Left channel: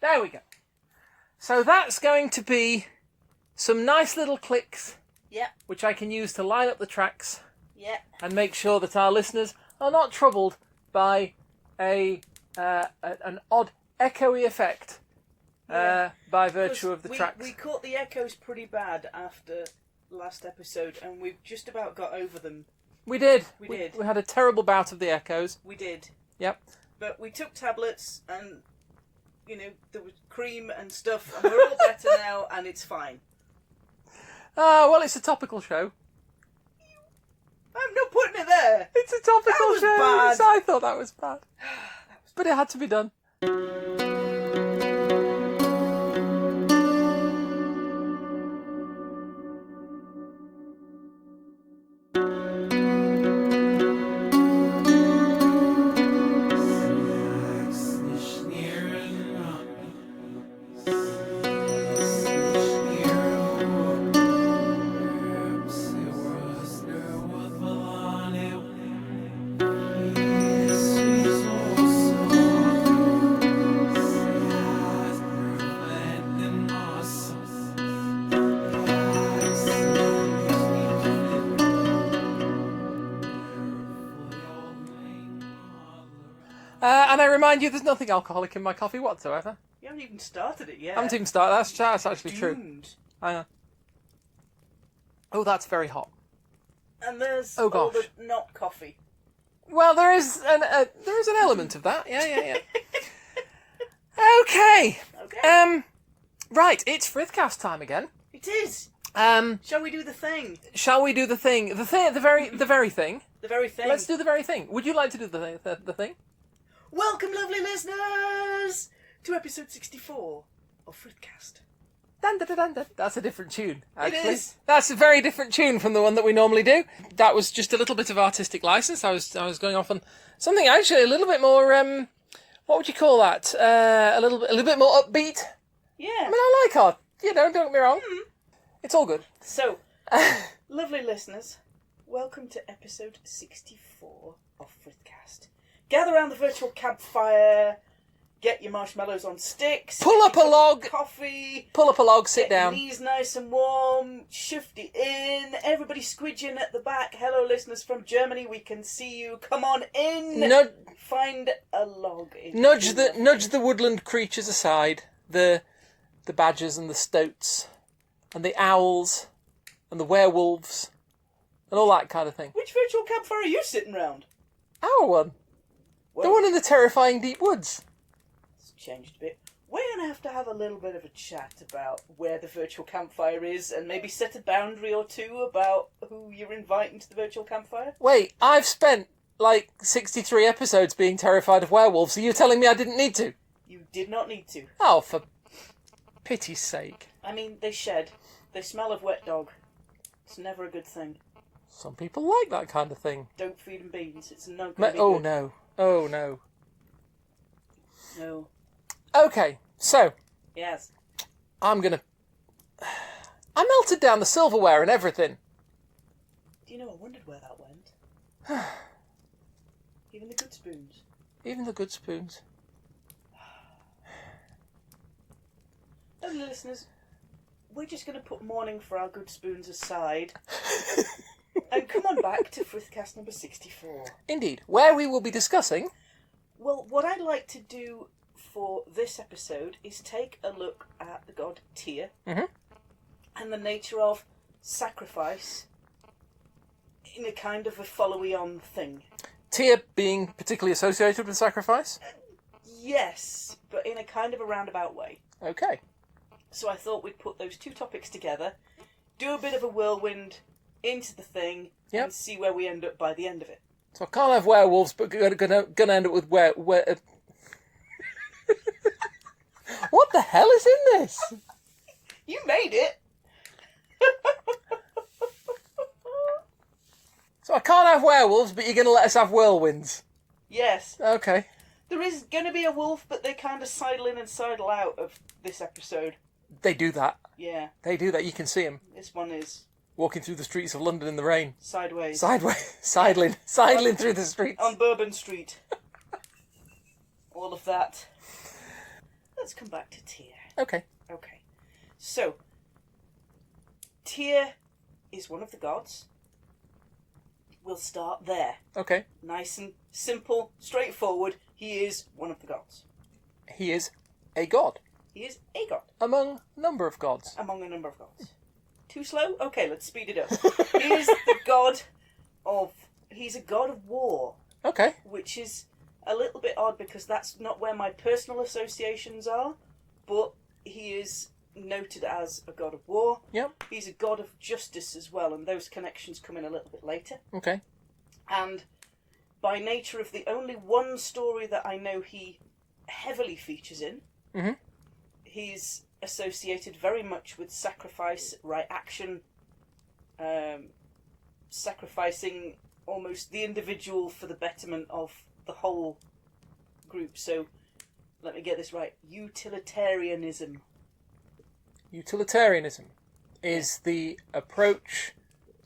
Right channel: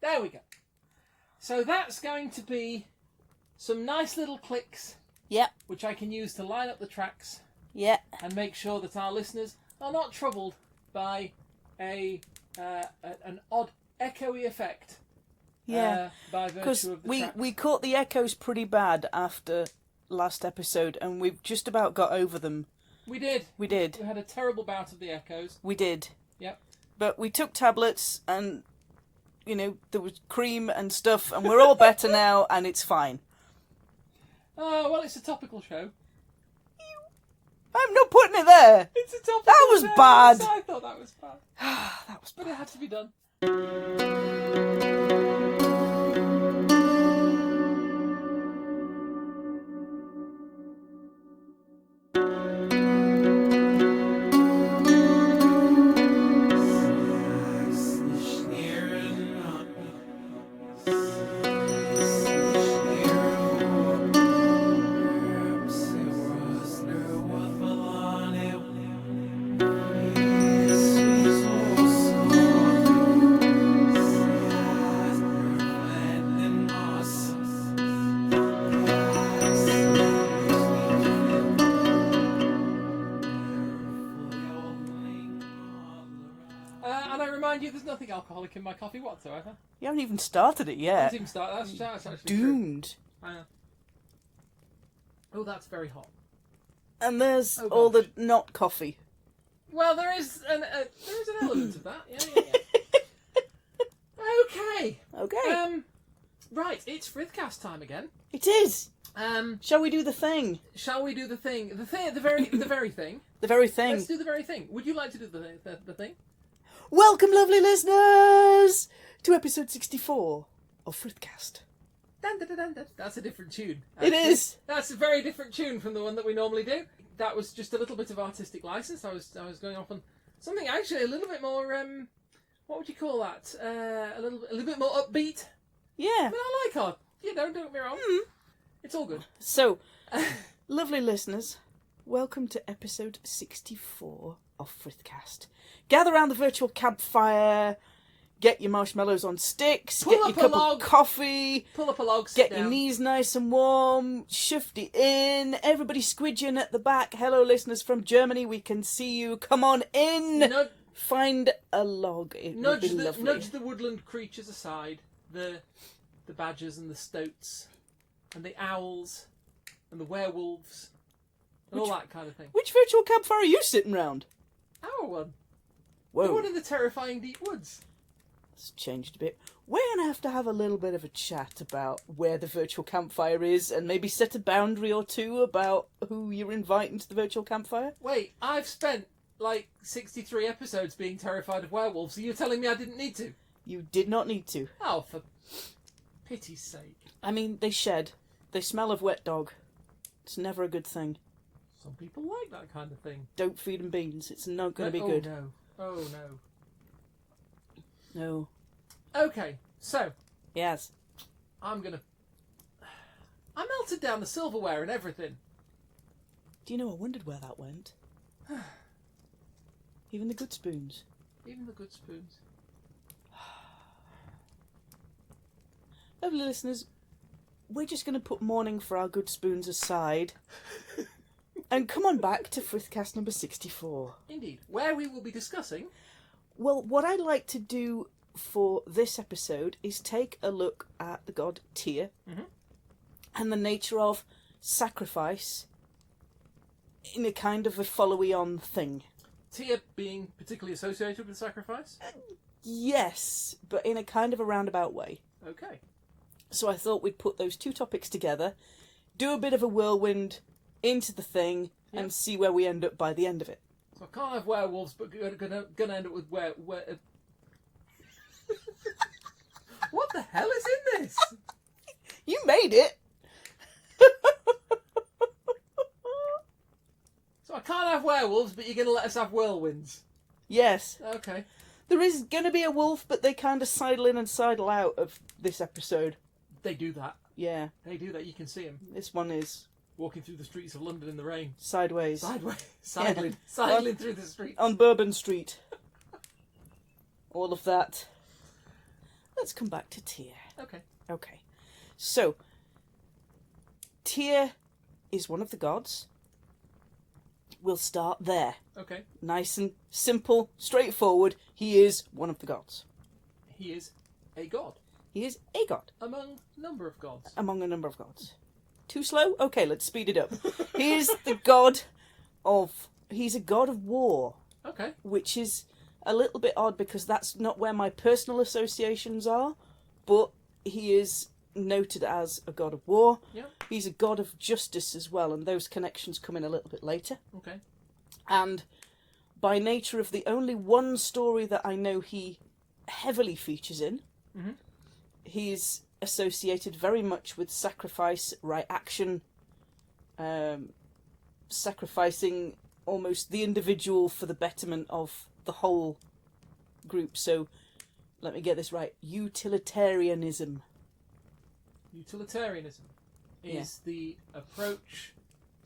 There we go. So that's going to be some nice little clicks, Yep. which I can use to line up the tracks Yeah. and make sure that our listeners are not troubled by an odd echoey effect by virtue of the tracks. We caught the echoes pretty bad after last episode, and we've just about got over them. We did. We did. We had a terrible bout of the echoes. We did. Yep. But we took tablets, and, you know, there was cream and stuff, and we're all better now, and it's fine. Well, it's a topical show. I'm not putting it there. It's a topical That was show. bad. So I thought that was bad. But it had to be done. And I remind you, there's nothing alcoholic in my coffee whatsoever. You haven't even started it yet. I haven't even started. That's actually Doomed. true. Oh, that's very hot. And there's Oh, all the gosh. not coffee. Well, there is an element of that. Yeah. Okay. Okay. Right, it's Frithcast time again. It is. Shall we do the thing? Shall we do the thing? The very thing. The very thing. Let's do the very thing. Would you like to do the thing? Welcome, lovely listeners, to episode 64 of Frithcast. Dun, dun, dun, dun, dun. That's a different tune. Actually. It is. That's a very different tune from the one that we normally do. That was just a little bit of artistic license. I was going off on something actually a little bit more. What would you call that? A little bit more upbeat. Yeah. I mean, I like art. Don't get me wrong. It's all good. So, lovely listeners, welcome to episode 64 of Frithcast. Gather around the virtual campfire, get your marshmallows on sticks, Pull get up your a cup log. of coffee, Pull up a log, sit get down. your knees nice and warm, shift it in, everybody squidging at the back. Hello listeners from Germany, we can see you, come on in. Find a log. Nudge the woodland creatures aside. The badgers and the stoats and the owls and the werewolves and all that kind of thing. Which virtual campfire are you sitting round? Our one. Whoa. The one in the terrifying deep woods. It's changed a bit. We're going to have a little bit of a chat about where the virtual campfire is and maybe set a boundary or two about who you're inviting to the virtual campfire. Wait, I've spent like 63 episodes being terrified of werewolves, so you're telling me I didn't need to? You did not need to. Oh, for pity's sake. I mean, they shed. They smell of wet dog. It's never a good thing. Some people like that kind of thing. Don't feed them beans. It's not going to be Oh, good. no. Oh, no. No. Okay, so Yes. I melted down the silverware and everything. Do you know, I wondered where that went. Even the good spoons. Even the good spoons. Lovely listeners, we're just going to put mourning for our good spoons aside and come on back to Frithcast number 64. Indeed, where we will be discussing... Well, what I'd like to do for this episode is take a look at the god Tyr and the nature of sacrifice in a kind of a followy-on thing. Tyr being particularly associated with sacrifice? Yes, but in a kind of a roundabout way. Okay. So I thought we'd put those two topics together, do a bit of a whirlwind into the thing, and see where we end up by the end of it. So I can't have werewolves, but gonna end up with where What the hell is in this? You made it! So I can't have werewolves, but you're gonna let us have whirlwinds? Yes. Okay. There is going to be a wolf, but they kind of sidle in and sidle out of this episode. They do that. Yeah. They do that. You can see them This one is walking through the streets of London in the rain. sideways. Sidling through the streets. On Bourbon Street. All of that. let's come back to Tyr. Okay. Okay. So, Tyr is one of the gods. We'll start there. Okay. Nice and simple, straightforward. He is one of the gods. He is a god. He is a god. Among a number of gods. Among a number of gods. Too slow? Okay, let's speed it up. He is the god of... He's a god of war. Okay. Which is a little bit odd because that's not where my personal associations are. But he is noted as a god of war. Yep. He's a god of justice as well, and those connections come in a little bit later. Okay. And by nature of the only one story that I know he heavily features in, he's associated very much with sacrifice, right action, sacrificing almost the individual for the betterment of the whole group. So, let me get this right, utilitarianism. Utilitarianism is the approach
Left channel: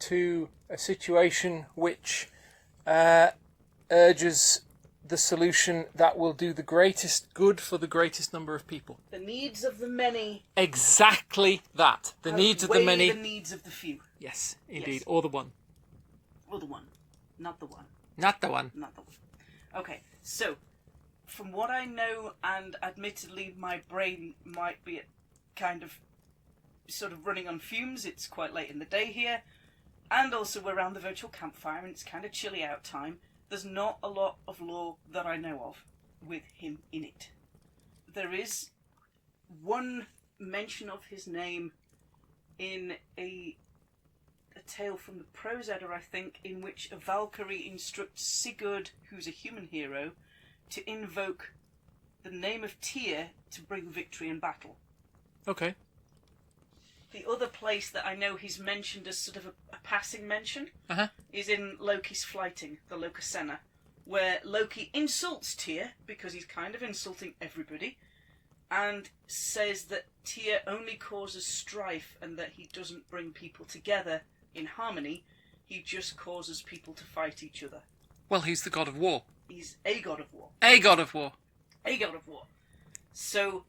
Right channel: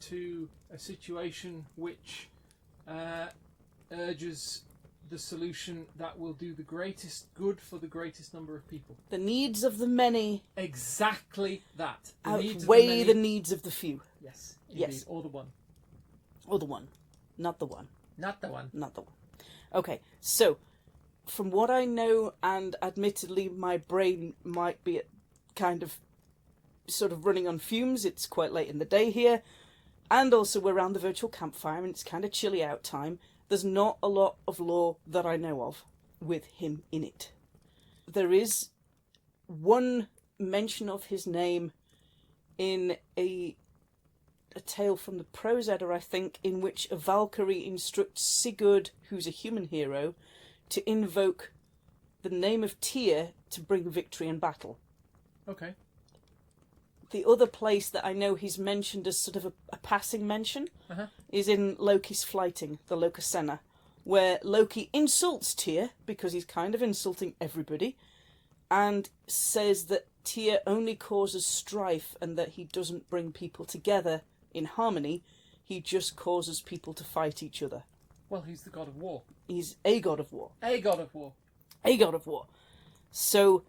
to a situation which urges the solution that will do the greatest good for the greatest number of people. The needs of the many. Exactly that. The needs of the outweigh many. the needs of the few. Yes, indeed. Yes. Or the one. Or the one. Not the one. Not the one. Not the one. Okay, so, from what I know, and admittedly my brain might be kind of sort of running on fumes, it's quite late in the day here, and also we're around the virtual campfire and it's kind of chilly out time, there's not a lot of lore that I know of with him in it. There is one mention of his name in a tale from the Prose Edda, I think, in which a Valkyrie instructs Sigurd, who's a human hero, to invoke the name of Tyr to bring victory in battle. Okay. The other place that I know he's mentioned as sort of a passing mention is in Loki's Flighting, the Lokasenna, where Loki insults Tyr, because he's kind of insulting everybody, and says that Tyr only causes strife and that he doesn't bring people together in harmony, he just causes people to fight each other. Well, he's the god of war. He's a god of war. A god of war. A god of war. So,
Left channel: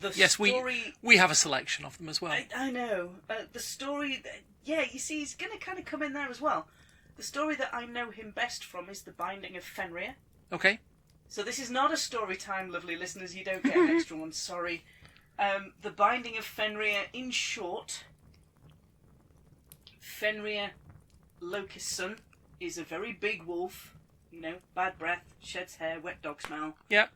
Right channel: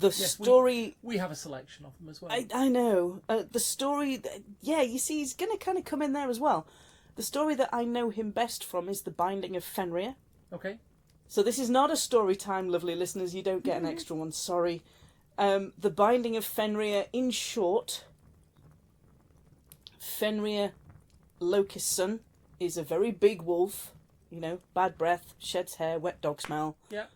the story... we have a selection of them as well. I know. The story... Yeah, you see, he's going to kind of come in there as well. The story that I know him best from is The Binding of Fenrir. Okay. So this is not a story time, lovely listeners. You don't get an extra one, sorry. The Binding of Fenrir, in short... Fenrir, Loki's son, is a very big wolf. You know, bad breath, sheds hair, wet dog smell. Yep.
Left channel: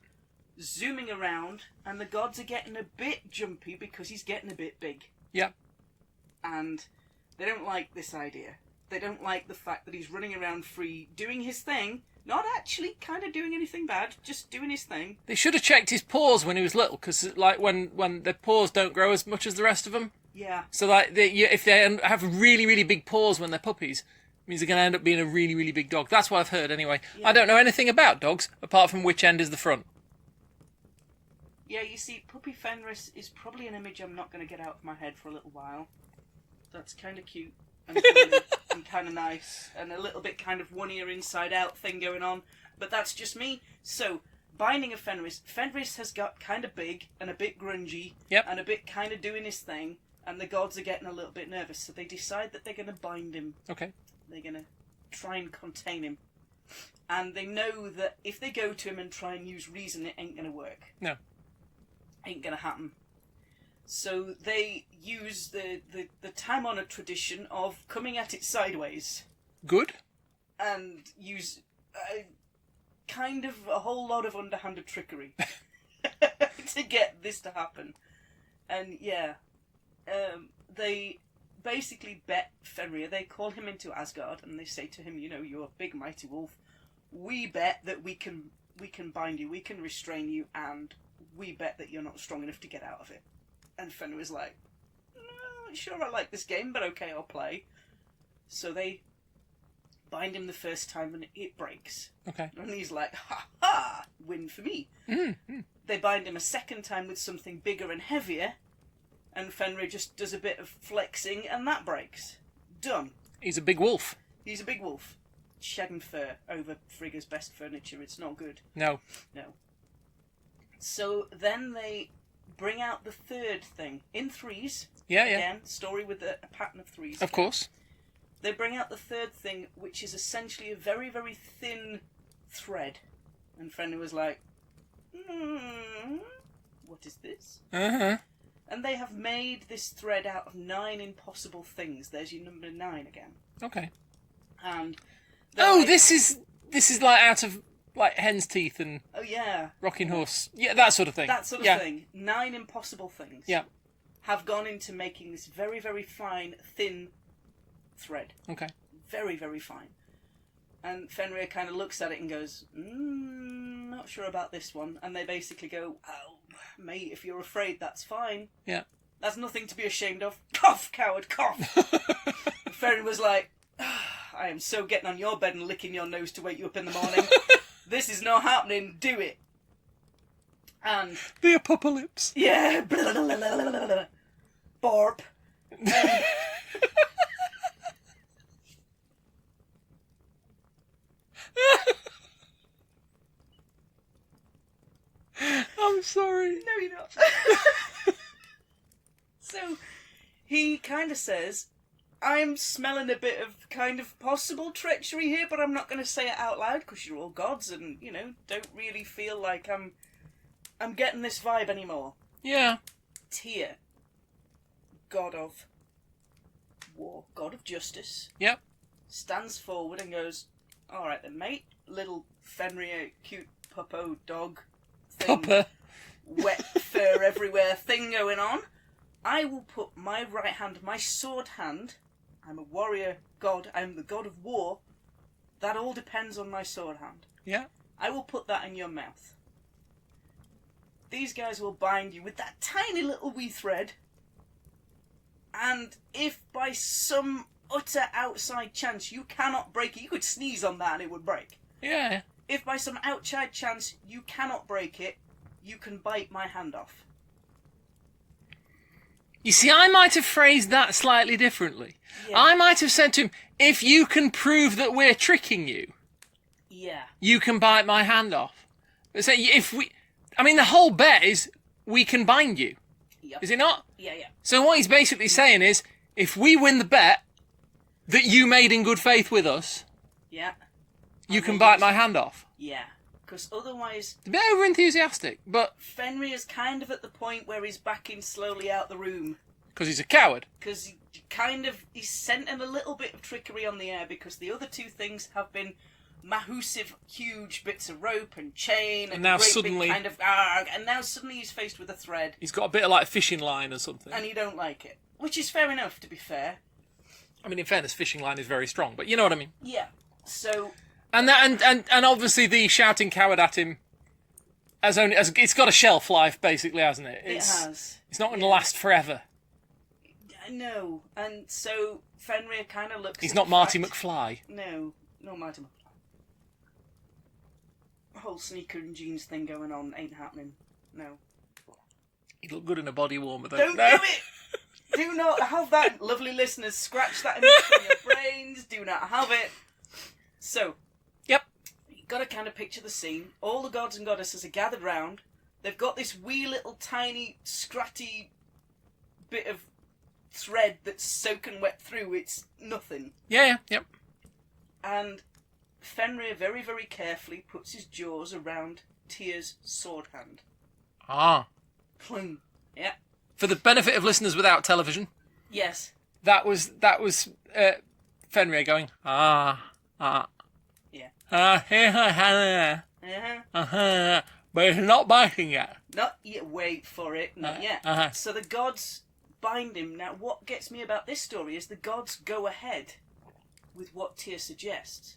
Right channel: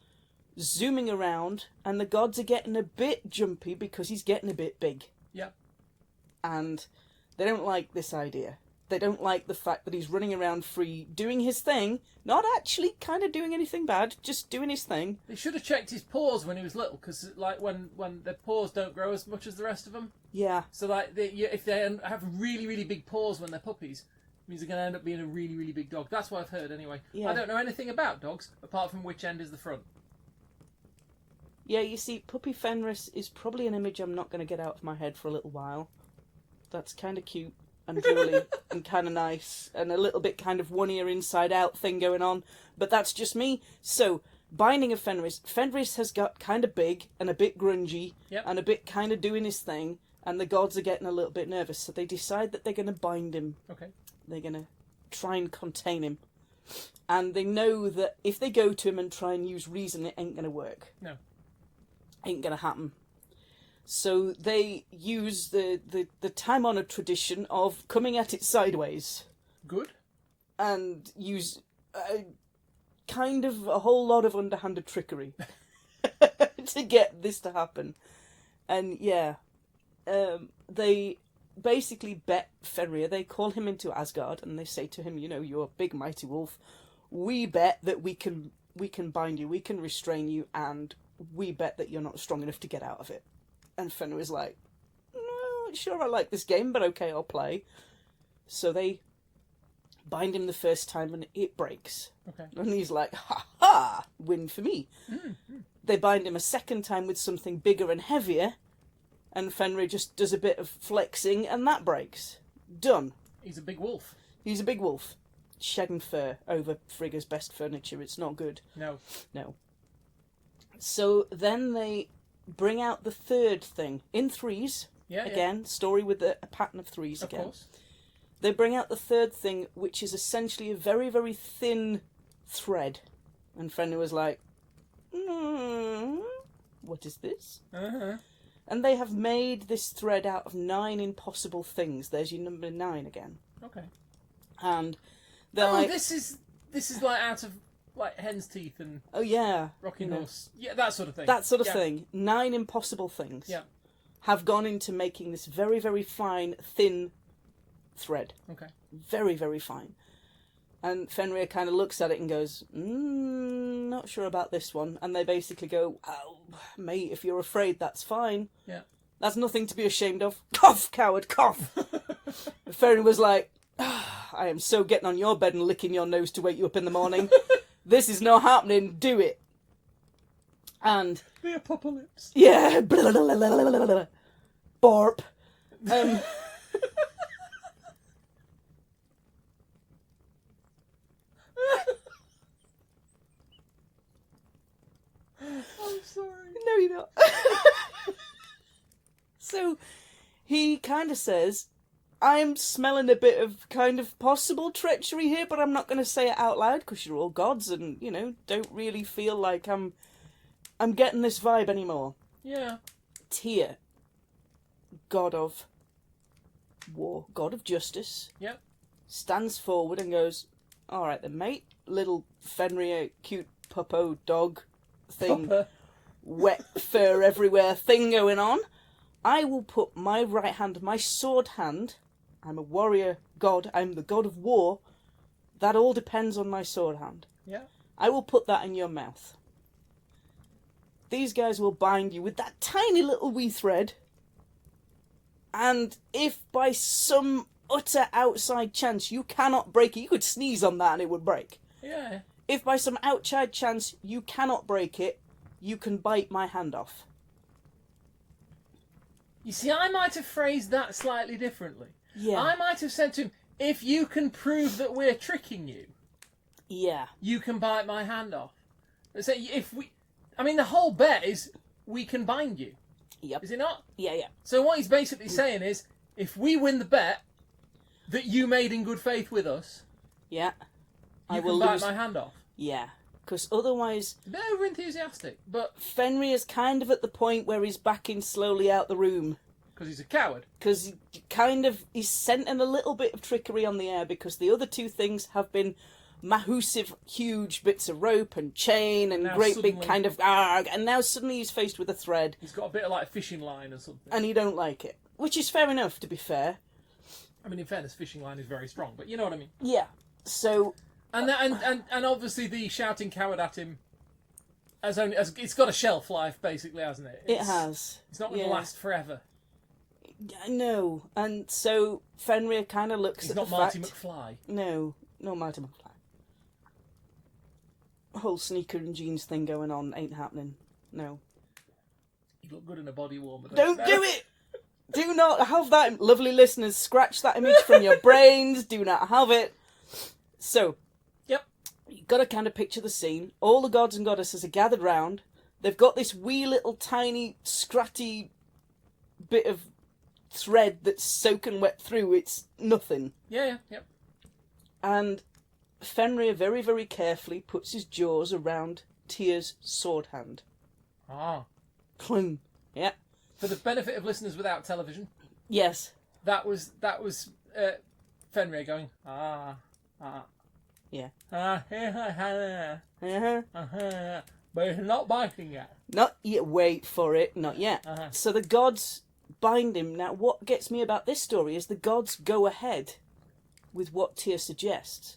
Zooming around, and the gods are getting a bit jumpy because he's getting a bit big. Yep. And they don't like this idea. They don't like the fact that he's running around free, doing his thing, not actually kind of doing anything bad, just doing his thing. They should have checked his paws when he was little, because like when the paws don't grow as much as the rest of them. Yeah. So like if they have really, really big paws when they're puppies, it means they're going to end up being a really, really big dog. That's what I've heard anyway. Yeah. I don't know anything about dogs, apart from which end is the front. Yeah, you see, Puppy Fenris is probably an image I'm not going to get out of my head for a little while. That's kind of cute and girly and kind of nice, and a little bit kind of one ear inside out thing going on, but that's just me. So, Binding of Fenris. Fenris has got kind of big and a bit grungy, and a bit kind of doing his thing, and the gods are getting a little bit nervous, so they decide that they're going to bind him. Okay. They're going to try and contain him. And they know that if they go to him and try and use reason, it ain't going to work. No. Ain't going to happen. So they use the time-honoured tradition of coming at it sideways. Good. And use kind of a whole lot of underhanded trickery to get this to happen. And yeah, they basically bet Fenrir. They call him into Asgard and they say to him, you know, you're a big mighty wolf. We bet that we can bind you, we can restrain you, and we bet that you're not strong enough to get out of it. And Fenrir's like, no, sure, I like this game, but okay, I'll play. So they bind him the first time and it breaks. Okay. And he's like, ha ha, win for me. Mm-hmm. They bind him a second time with something bigger and heavier, and Fenrir just does a bit of flexing and that breaks. Done. He's a big wolf. He's a big wolf. Shedding fur over Frigga's best furniture. It's not good. No. No. So then they bring out the third thing in threes. Yeah, Again, story with a pattern of threes. Of course. They bring out the third thing, which is essentially a very, very thin thread. And Fenrir was like, what is this? Uh-huh. And they have made this thread out of 9 impossible things. There's your number 9 again. Okay. And this is like out of like hen's teeth and rocking horse. Yeah, that sort of thing. That sort of thing. 9 impossible things. Yeah. Have gone into making this very, very fine, thin thread. Okay. Very, very fine. And Fenrir kind of looks at it and goes, not sure about this one. And they basically go, oh, mate, if you're afraid, that's fine. Yeah. That's nothing to be ashamed of. Cough, coward, cough. Fenrir was like, I am so getting on your bed and licking your nose to wake you up in the morning. This is not happening. Do it. And the apocalypse. Yeah. Borp. I'm sorry. No, you're not. So he kind of says, I'm smelling a bit of kind of possible treachery here, but I'm not going to say it out loud because you're all gods and, you know, don't really feel like I'm getting this vibe anymore. Yeah. Tyr, god of war, god of justice. Yep. Stands forward and goes, all right then, mate. Little Fenrir, cute puppo dog thing. Pupper. Wet fur everywhere thing going on. I will put my right hand, my sword hand. I'm a warrior god. I'm the god of war. That all depends on my sword hand. Yeah. I will put that in your mouth. These guys will bind you with that tiny little wee thread. And if by some utter outside chance you cannot break it, you could sneeze on that and it would break. Yeah. If by some outside chance you cannot break it, you can bite my hand off. You see, I might have phrased that slightly differently. Yeah. I might have said to him, if you can prove that we're tricking you, Yeah. you can bite my hand off. So the whole bet is we can bind you. Yep. Is it not? Yeah, yeah. So what he's basically saying is, if we win the bet that you made in good faith with us, Yeah. you can bite my hand off. Yeah. Because otherwise, A bit over enthusiastic, but Fenrir's kind of at the point where he's backing slowly out the room. because he's a coward. Because he's scenting a little bit of trickery on the air because the other two things have been massive, huge bits of rope and chain and now great suddenly- big kind of arg, and now suddenly he's faced with a thread He's got a bit of like fishing line or something. and he don't like it. Which is fair enough, to be fair. I mean, in fairness, fishing line is very strong, but you know what I mean. Yeah. So, And obviously the shouting coward at him it's got a shelf life basically, hasn't it? it has. It's not going to Yeah. last forever. No. And so Fenrir kind of looks He's at not the Marty fact- McFly. No, not Marty McFly. Whole sneaker and jeans thing going on ain't happening. No. He'd look good in a body warmer though. Don't do it! Do not have that, lovely listeners. Scratch that image from your brains. Do not have it. So, Yep. you've got to kind of picture the scene. All the gods and goddesses are gathered round. They've got this wee little tiny, scratty bit of thread that's soaking wet through. It's nothing. Yeah, yep. And Fenrir very, very carefully puts his jaws around Tyr's sword hand. Ah. Clunk. Yeah. For the benefit of listeners without television, Yes. that was Fenrir going, Yeah. Uh-huh. but it's not biting yet. Not yet. Wait for it. Not yet. Uh-huh. So the gods bind him. Now, what gets me about this story is the gods go ahead with what Tyr suggests.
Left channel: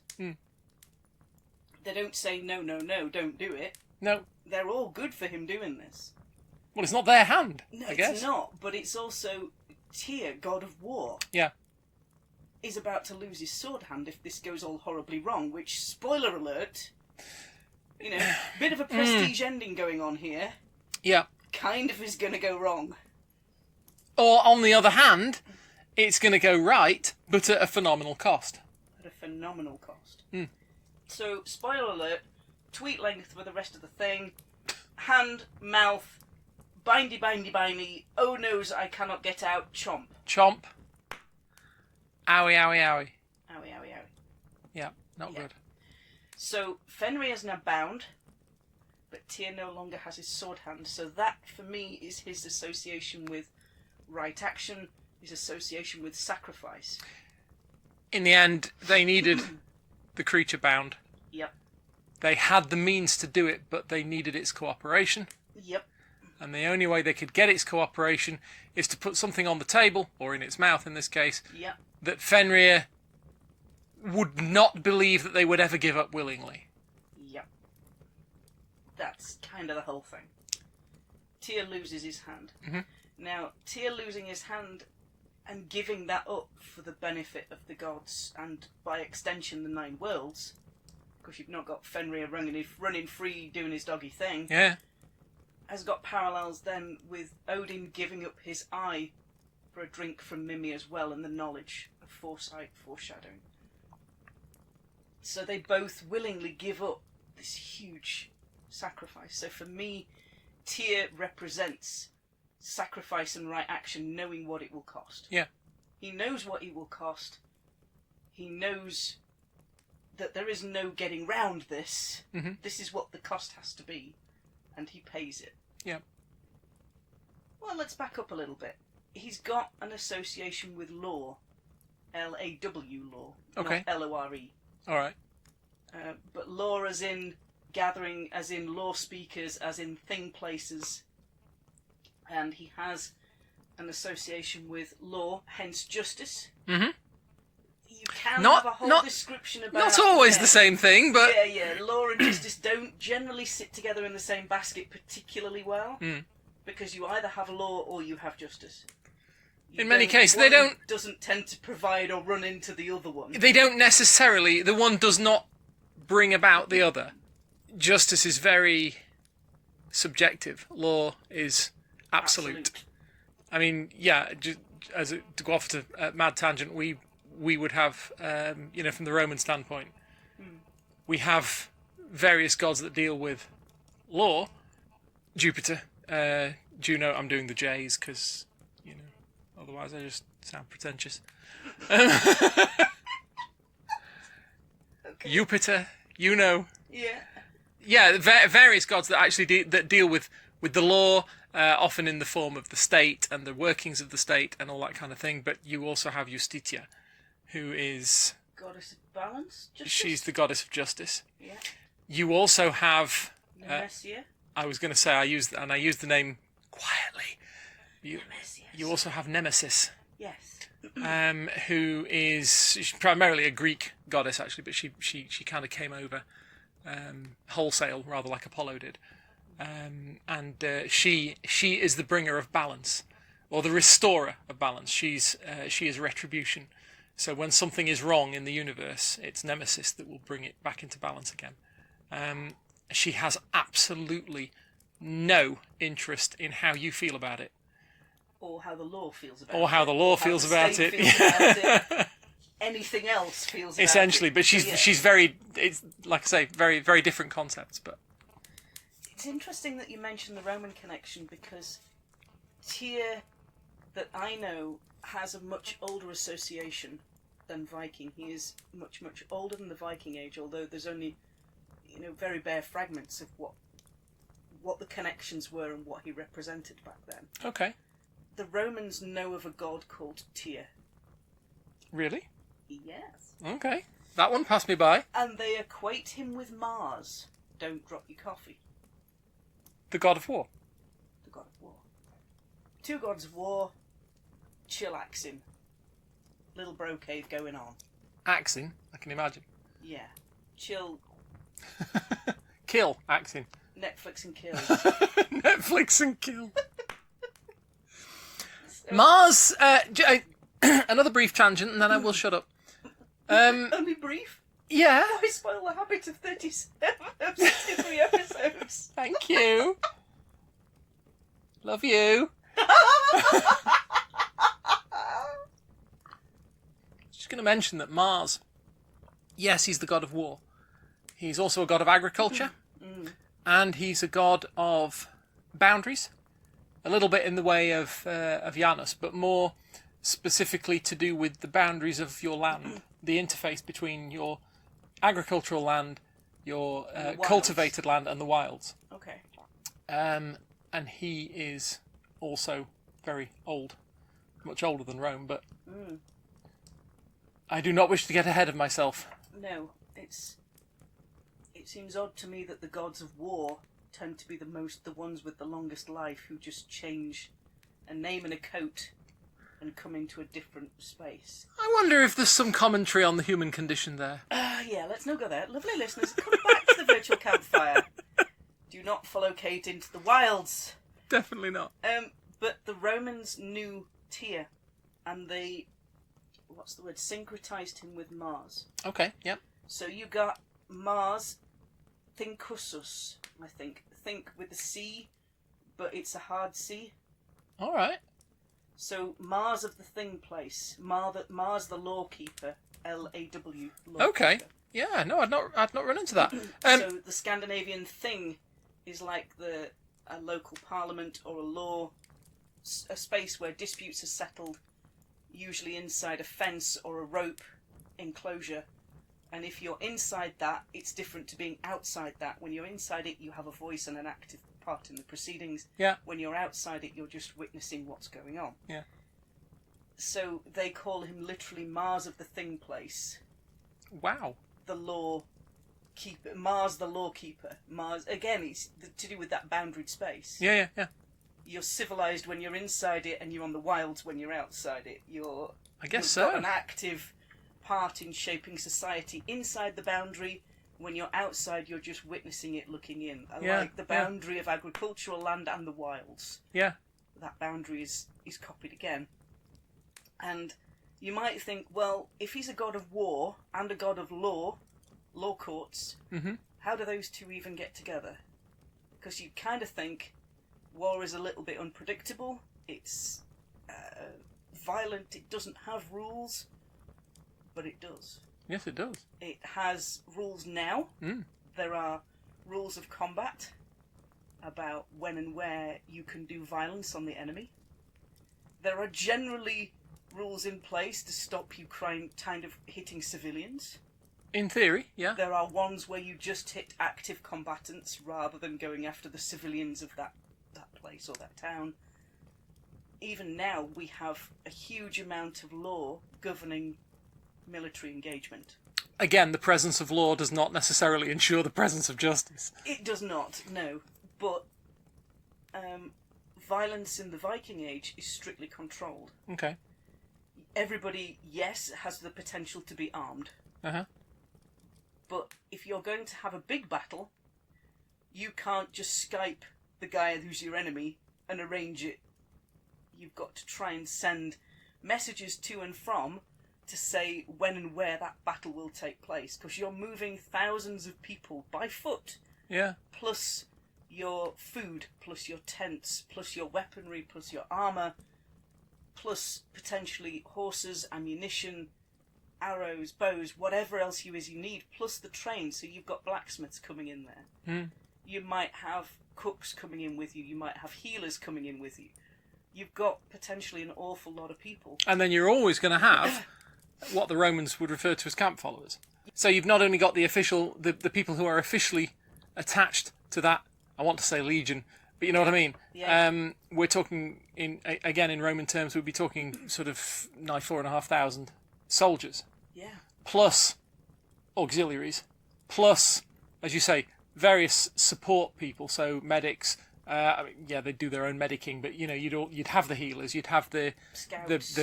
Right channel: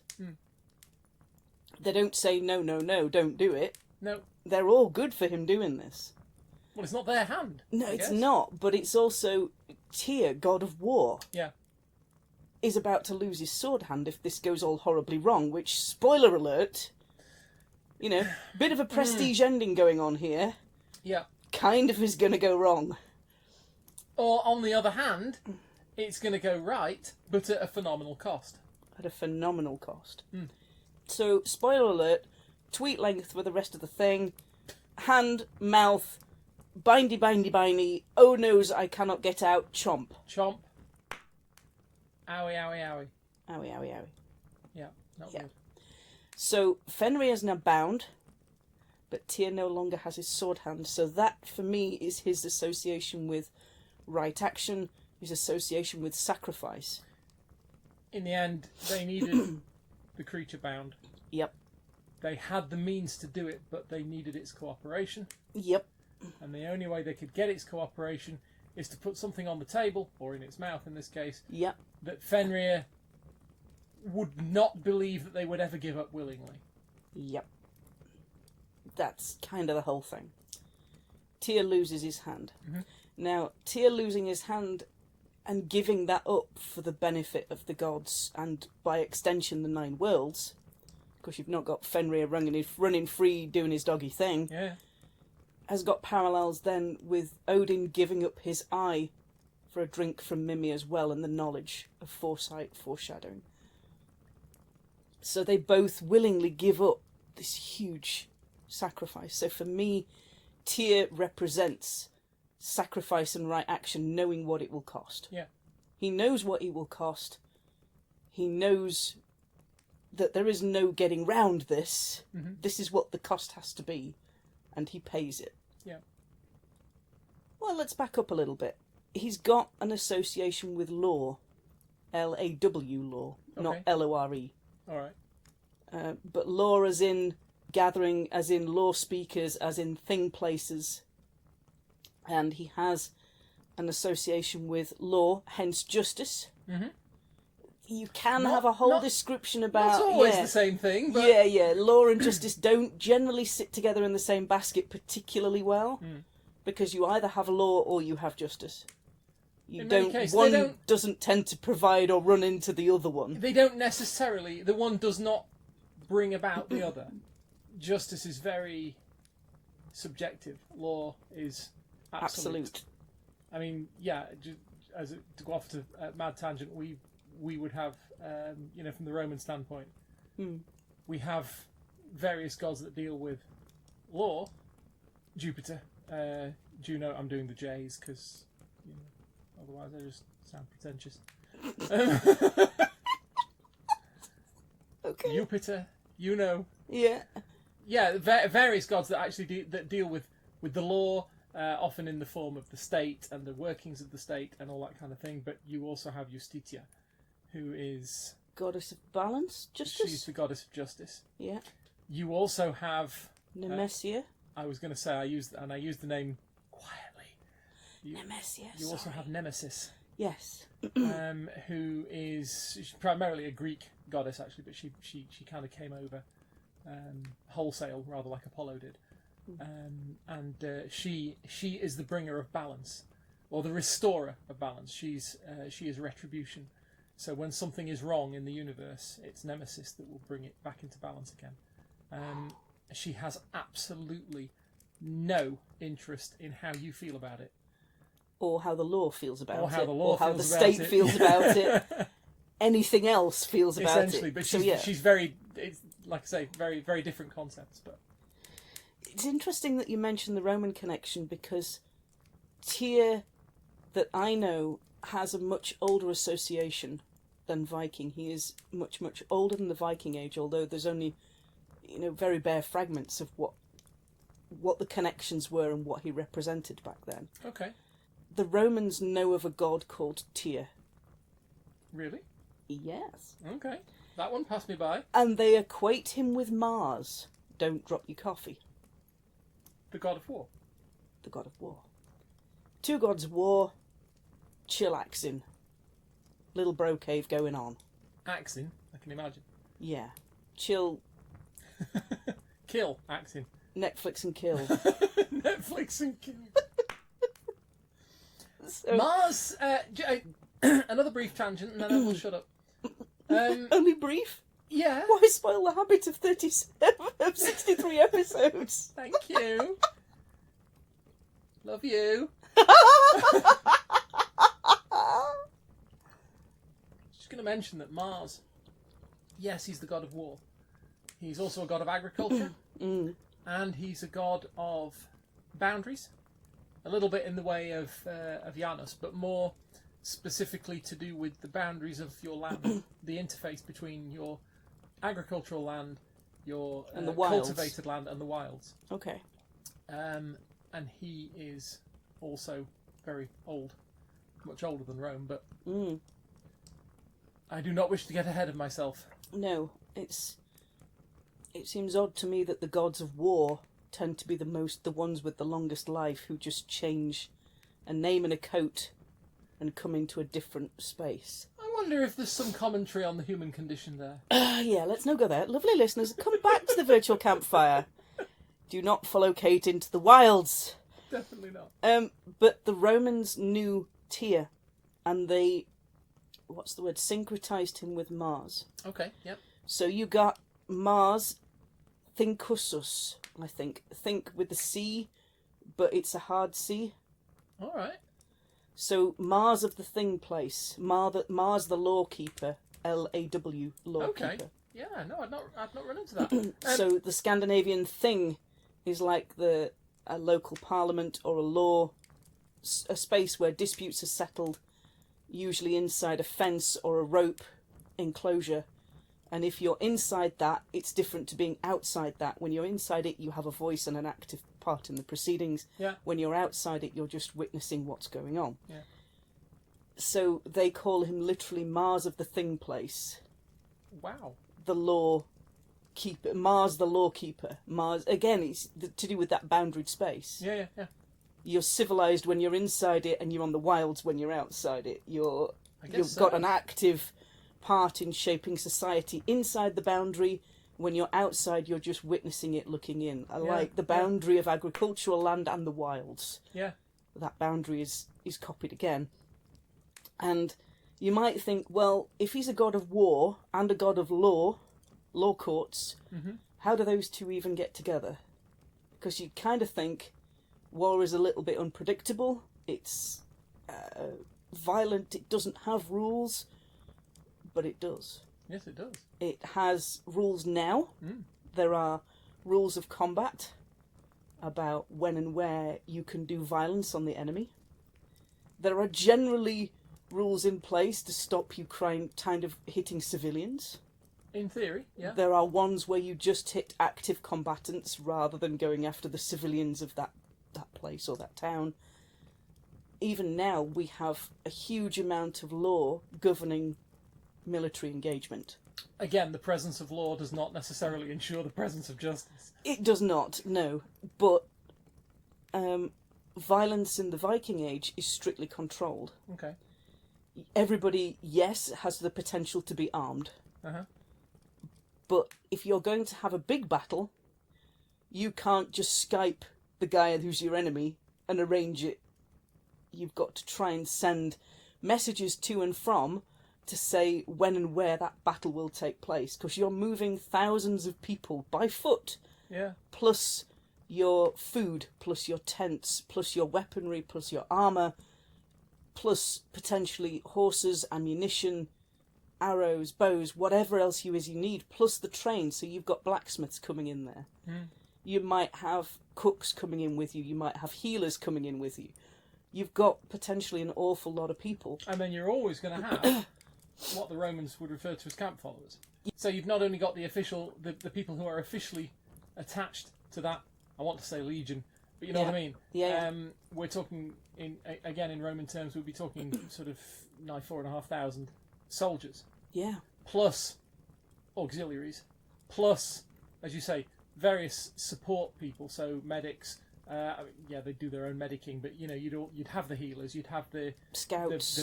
They don't say, no, don't do it. No. They're all good for him doing this. Well, it's not their hand. No, I guess. it's not. But it's also Tyr, god of war, Yeah. is about to lose his sword hand if this goes all horribly wrong, which, spoiler alert, you know, bit of a prestige ending going on here, Yeah. kind of is going to go wrong. Or, on the other hand, it's going to go right, but at a phenomenal cost. At a phenomenal cost. So, spoiler alert, tweet length for the rest of the thing, hand, mouth, bindy, bindy, bindy. Oh noes, I cannot get out. Chomp. Chomp. Owie, owie, owie. Owie, owie, owie. Yeah, not good. So Fenrir is now bound, but Tyr no longer has his sword hand. So that, for me, is his association with right action, his association with sacrifice. In the end, they needed the creature bound. Yep. They had the means to do it, but they needed its cooperation. Yep. And the only way they could get its cooperation is to put something on the table, or in its mouth in this case, Yep. that Fenrir would not believe that they would ever give up willingly. Yep. That's kind of the whole thing. Tyr loses his hand. Mm-hmm. Now, Tyr losing his hand and giving that up for the benefit of the gods and, by extension, the Nine Worlds, because you've not got Fenrir running free doing his doggy thing, Yeah. has got parallels then with Odin giving up his eye for a drink from Mimi as well, and the knowledge of foresight, foreshadowing. So they both willingly give up this huge sacrifice. So for me, Tyr represents sacrifice and right action, knowing what it will cost. Yeah. He knows what it will cost. He knows that there is no getting round this. Mm-hmm. This is what the cost has to be, and he pays it. Yeah. Well, let's back up a little bit. He's got an association with law. L-A-W, law, Okay. not L-O-R-E. All right. But law as in gathering, as in law speakers, as in thing places. And he has an association with law, hence justice. Mm-hmm. You can Not- have a whole not- description about... Not always yeah. the same thing, but... Yeah. Law and justice don't generally sit together in the same basket particularly well. Because you either have law or you have justice. In many cases, they don't... doesn't tend to provide or run into the other one. They don't necessarily... The one does not bring about the other. Justice is very subjective. Law is absolute. I mean, yeah, to go off to a mad tangent, we would have, from the Roman standpoint, we have various gods that deal with law. Jupiter, Juno, I'm doing the J's because, otherwise I just sound pretentious. Okay. Jupiter, Yeah. Yeah, various gods that actually that deal with the law, often in the form of the state and the workings of the state and all that kind of thing. But you also have Justitia, who is... Goddess of balance? Justice? She's the goddess of justice. Yeah. You also have... Nemesia? I was going to say, I used the name quietly. Nemesis. You also have Nemesis. Yes. Who is she's primarily a Greek goddess, actually, but she kind of came over wholesale, rather like Apollo did. And she is the bringer of balance, or the restorer of balance. She is retribution. So when something is wrong in the universe, it's Nemesis that will bring it back into balance again. She has absolutely no interest in how you feel about it. Or how the law feels about it. Or how the law feels about it. Feels about it. Anything else feels about Essentially, it. but she's very, it's like I say, very, very different concepts. But it's interesting that you mentioned the Roman connection, because Tyr, that I know, has a much older association than Viking. He is much, much older than the Viking age, although there's only, very bare fragments of what the connections were and what he represented back then. okay, The Romans know of a god called Tyr. really, Yes. okay, that one passed me by. And they equate him with Mars. Don't drop your coffee. The god of war. The god of war. Two gods of war, chillaxing. Little bro cave going on. Axing, I can imagine. Yeah. Chill, Kill, axing. Netflix and kill. Netflix and kill. So, Mars. Another brief tangent, and then I will shut up. only brief? Yeah. Why spoil the habit of 63 episodes? Thank you. Love you. Just going to mention that Mars, yes, he's the god of war. He's also a god of agriculture, and he's a god of boundaries. a little bit in the way of Janus, but more specifically to do with the boundaries of your land, the interface between your agricultural land, your cultivated land, and the wilds. Okay. And he is also very old, much older than Rome, but I do not wish to get ahead of myself. No, it seems odd to me that the gods of war tend to be the ones with the longest life, who just change a name and a coat and come into a different space. I wonder if there's some commentary on the human condition there. Yeah, let's not go there. Lovely listeners, come back to the virtual campfire. Do not follow Kate into the wilds. Definitely not. But the Romans knew Tyr, and they, syncretized him with Mars. Okay, yep. So you got Mars, Thinkusus, I think. Think with the C, but it's a hard C. All right. So Mars of the Thing place, Mars the Lawkeeper, L-A-W, Lawkeeper. Okay. Yeah, no, I'd not run into that. So the Scandinavian Thing is like a local parliament or a space where disputes are settled, usually inside a fence or a rope enclosure. And if you're inside that, it's different to being outside that. When you're inside it, you have a voice and an active part in the proceedings. Yeah. When you're outside it, you're just witnessing what's going on. Yeah. So they call him literally Mars of the Thing place. Wow. The law keeper. Mars the Lawkeeper. Mars, again, it's to do with that boundaried space. Yeah. You're civilized when you're inside it, and you're on the wilds when you're outside it. I guess you've so. got an active part in shaping society inside the boundary. When you're outside, you're just witnessing it, looking in. I like the boundary of agricultural land and the wilds. Yeah. That boundary is copied again. And you might think, well, if he's a god of war and a god of law courts, how do those two even get together? Because you kind of think war is a little bit unpredictable. It's violent. It doesn't have rules, but it does. Yes, it does. It has rules now. There are rules of combat about when and where you can do violence on the enemy. There are generally rules in place to stop you kind of hitting civilians. In theory, yeah. There are ones where you just hit active combatants rather than going after the civilians of that place or that town. Even now, we have a huge amount of law governing military engagement. Again, the presence of law does not necessarily ensure the presence of justice. It does not, no. But violence in the Viking Age is strictly controlled. Okay. Everybody, yes, has the potential to be armed. But if you're going to have a big battle, you can't just Skype the guy who's your enemy and arrange it. You've got to try and send messages to and from to say when and where that battle will take place, because you're moving thousands of people by foot. Yeah. Plus your food, plus your tents, plus your weaponry, plus your armour, plus potentially horses, ammunition, arrows, bows, whatever else you need, plus the train. So you've got blacksmiths coming in there. You might have cooks coming in with you. You might have healers coming in with you. You've got potentially an awful lot of people. And then you're always going to have what the Romans would refer to as camp followers. So you've not only got the people who are officially attached to that, I want to say legion, but you know what I mean? Yeah. We're talking, in Roman terms, we'd be talking sort of nigh 4,500 soldiers. Yeah. Plus auxiliaries, plus, as you say, various support people, so medics. They do their own medicing, but you know, you'd have the healers, you'd have the scouts,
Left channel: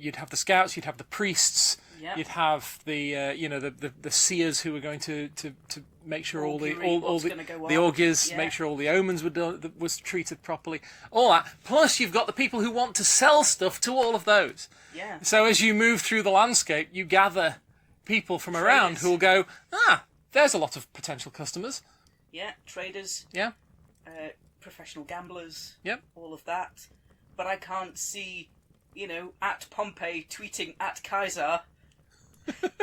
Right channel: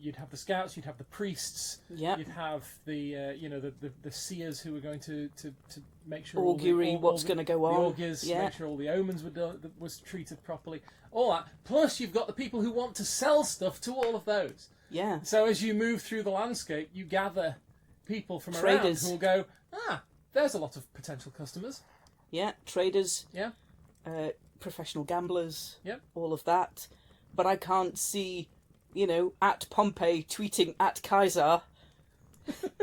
you'd have the scouts, you'd have the priests, you'd have the the seers who are going to make sure all the augurs, make sure all the omens was treated properly, all that. Plus, you've got the people who want to sell stuff to all of those. Yeah. So as you move through the landscape, you gather people from around who will go, there's a lot of potential customers. Yeah, traders. Yeah. Professional gamblers. Yep. All of that. But I can't see, at Pompey tweeting at Kaiser,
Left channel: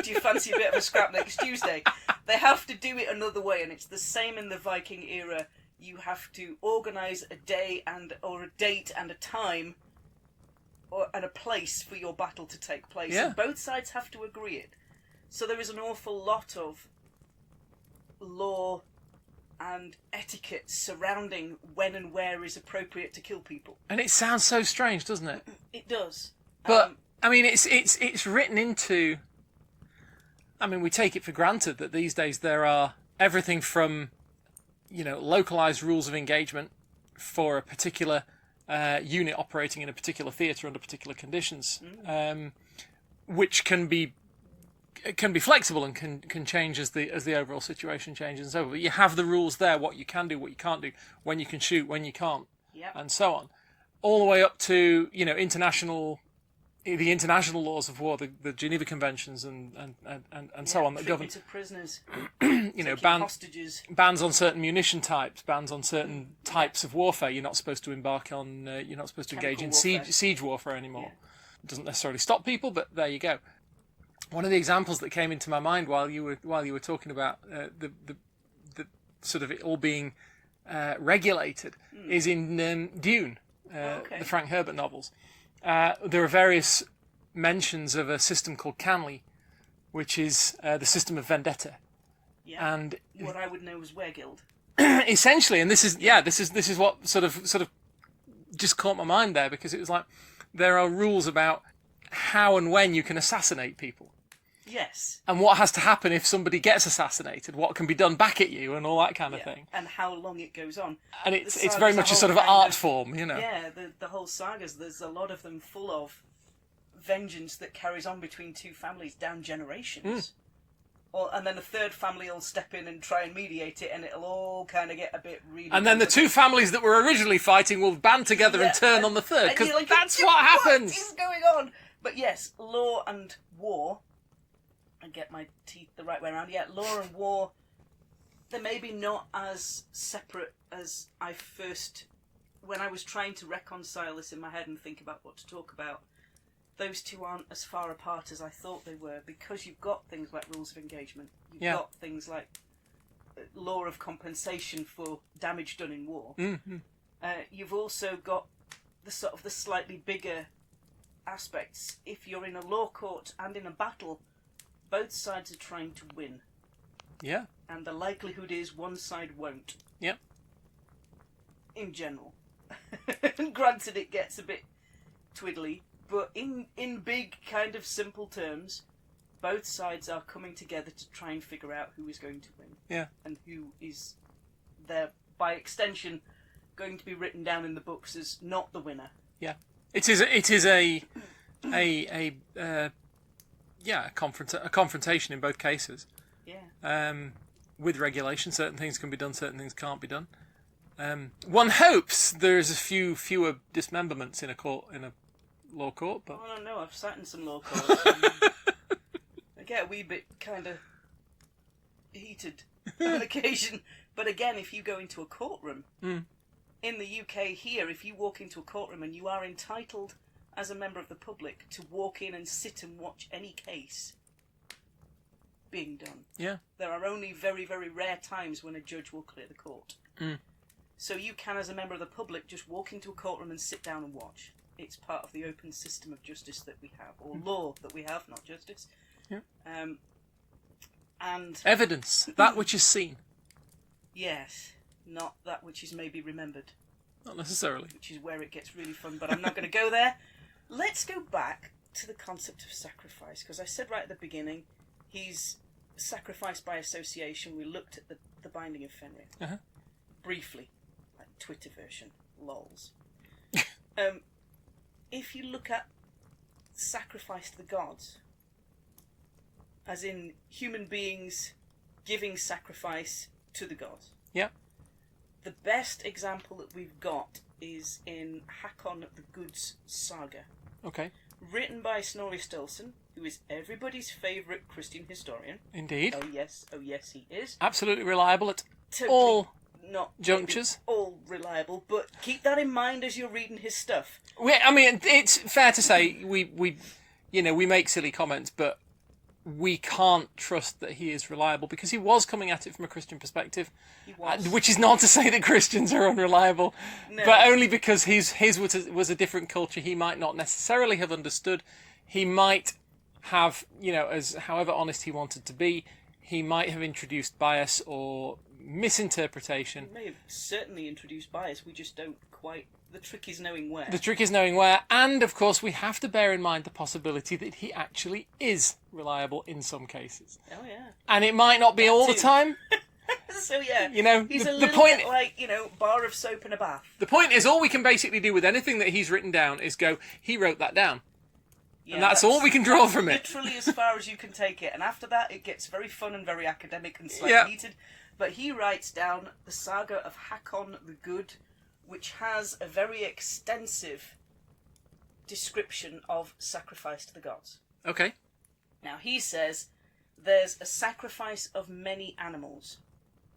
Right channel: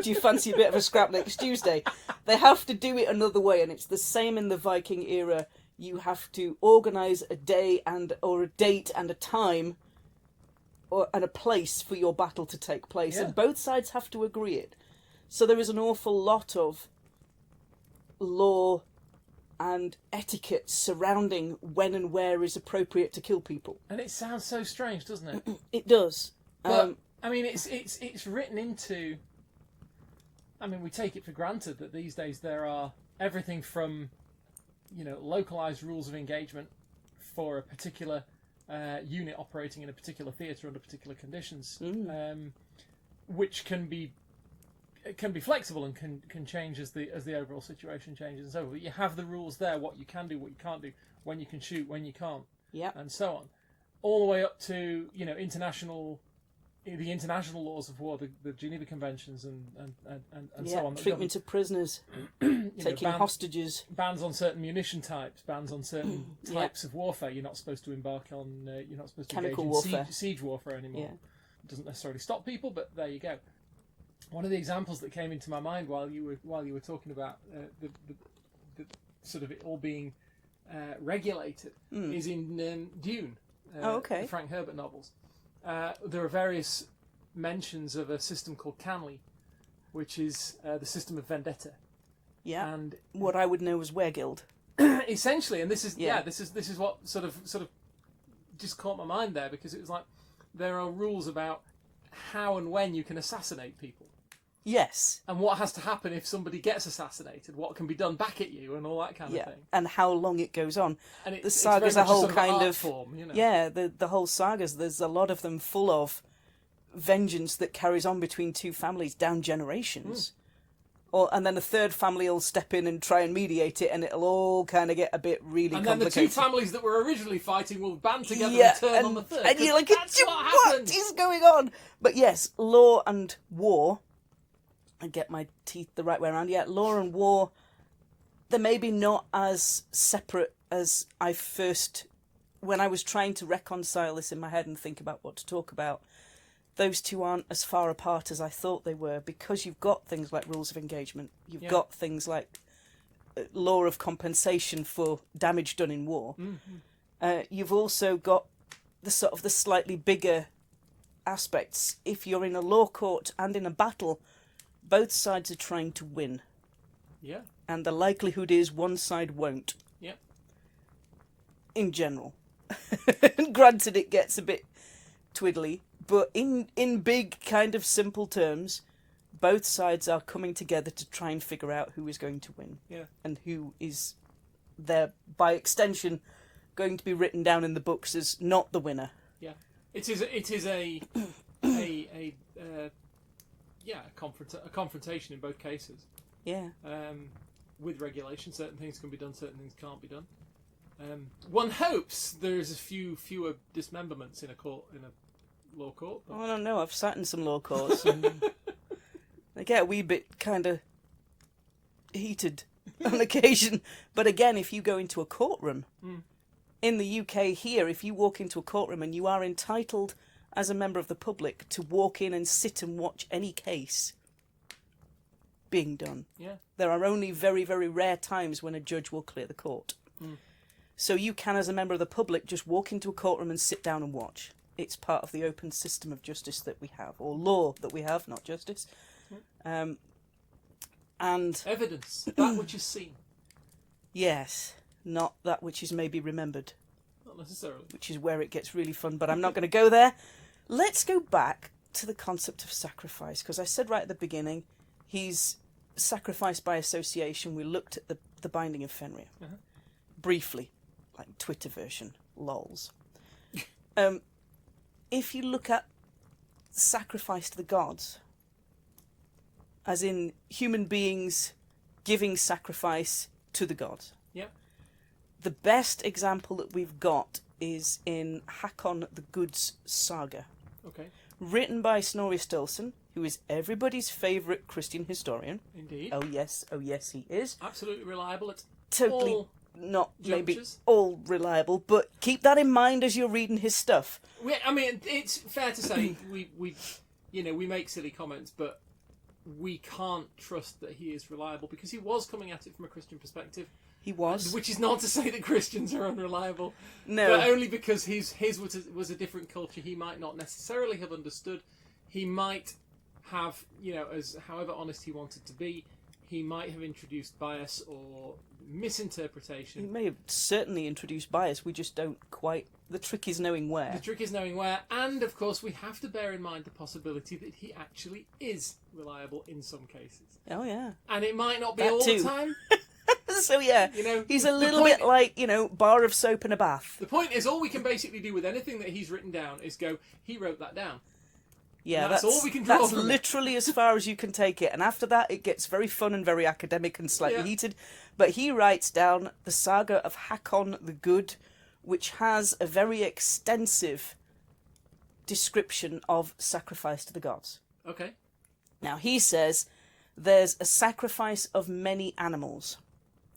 do you fancy a bit of a scrap next Tuesday? They have to do it another way, and it's the same in the Viking era. you have to organise a day or a date and a time and a place for your battle to take place. Yeah. And both sides have to agree it. So there is an awful lot of law and etiquette surrounding when and where is appropriate to kill people. And it sounds so strange, doesn't it? It does. But I mean, it's written into. I mean, we take it for granted that these days there are everything from, localized rules of engagement for a particular unit operating in a particular theatre under particular conditions, which can be flexible and can change as the overall situation changes and so on. But you have the rules there, what you can do, what you can't do, when you can shoot, when you can't, and so on, all the way up to the international laws of war, the Geneva Conventions and so on. Treatment of prisoners, hostages, bans on certain munition types, bans on certain types of warfare. You're not supposed to embark on. You're not supposed to engage in siege warfare anymore. Yeah. It doesn't necessarily stop people, but there you go. One of the examples that came into my mind while you were talking about the sort of it all being regulated is in Dune, the Frank Herbert novels. There are various mentions of a system called Canley, which is the system of vendetta. Yeah. And what I would know as Weregild. Essentially, and this is what sort of just caught my mind there, because it was like there are rules about how and when you can assassinate people. Yes. And what has to happen if somebody gets assassinated, what can be done back at you, and all that kind of thing. And how long it goes on. And it's very much a sort of art form, Yeah, the whole sagas, there's a lot of them full of vengeance that carries on between two families down generations. And then a third family will step in and try and mediate it, and it'll all kind of get a bit really And then the two families that were originally fighting will band together and turn on the third. And you're like, that's what happens! What is going on? But yes, law and war... and get my teeth the right way around. Yeah, law and war, they're maybe not as separate as I first... When I was trying to reconcile this in my head and think about what to talk about, those two aren't as far apart as I thought they were, because you've got things like rules of engagement. You've got things like law of compensation for damage done in war. You've also got the slightly bigger aspects. If you're in a law court and in a battle... both sides are trying to win. Yeah. And the likelihood is one side won't. Yep. In general. Granted, it gets a bit twiddly, but in big, kind of simple terms, both sides are coming together to try and figure out who is going to win. Yeah. And who is there, by extension, going to be written down in the books as not the winner. Yeah. It is a confrontation in both cases. Yeah. With regulation, certain things can be done, certain things can't be done. One hopes there's fewer dismemberments in a law court. But... I don't know. I've sat in some law courts. And they get a wee bit kind of heated on occasion. But again, if you go into a courtroom in the UK here, if you walk into a courtroom and you are entitled as a member of the public to walk in and sit and watch any case being done. Yeah. There are only very, very rare times when a judge will clear the court. So you can, as a member of the public, just walk into a courtroom and sit down and watch. It's part of the open system of justice that we have, or law that we have, not justice. Yeah. And evidence, that which is seen. Yes, not that which is maybe remembered. Not necessarily. Which is where it gets really fun, but I'm not going to go there. Let's go back to the concept of sacrifice, because I said right at the beginning, he's sacrificed by association. We looked at the binding of Fenrir. Briefly, like Twitter version, lols. If you look at sacrifice to the gods, as in human beings giving sacrifice to the gods. Yeah. The best example that we've got is in Hakon the Good's saga. Okay. Written by Snorri Sturluson, who is everybody's favourite Christian historian. Indeed. Oh yes, he is. Absolutely reliable at Totally all not junctures. All reliable, but keep that in mind as you're reading his stuff. I mean, it's fair to say we make silly comments, but we can't trust that he is reliable, because he was coming at it from a Christian perspective. He was. Which is not to say that Christians are unreliable, No. but only because his was a different culture. He might not necessarily have understood. He might have, as however honest he wanted to be, he might have introduced bias or misinterpretation. He may have certainly introduced bias. We just don't quite. The trick is knowing where. The trick is knowing where, and of course we have to bear in mind the possibility that he actually is reliable in some cases. Oh yeah. And it might not be all the time. So yeah, he's a the little point- bit like, bar of soap in a bath. The point is, all we can basically do with anything that he's written down is go, he wrote that down. Yeah, And that's all we can draw that's from it. literally as far as you can take it. And after that, it gets very fun and very academic and slightly Yeah. heated. But he writes down the saga of Hakon the Good, which has a very extensive description of sacrifice to the gods. Okay. Now, he says there's a sacrifice of many animals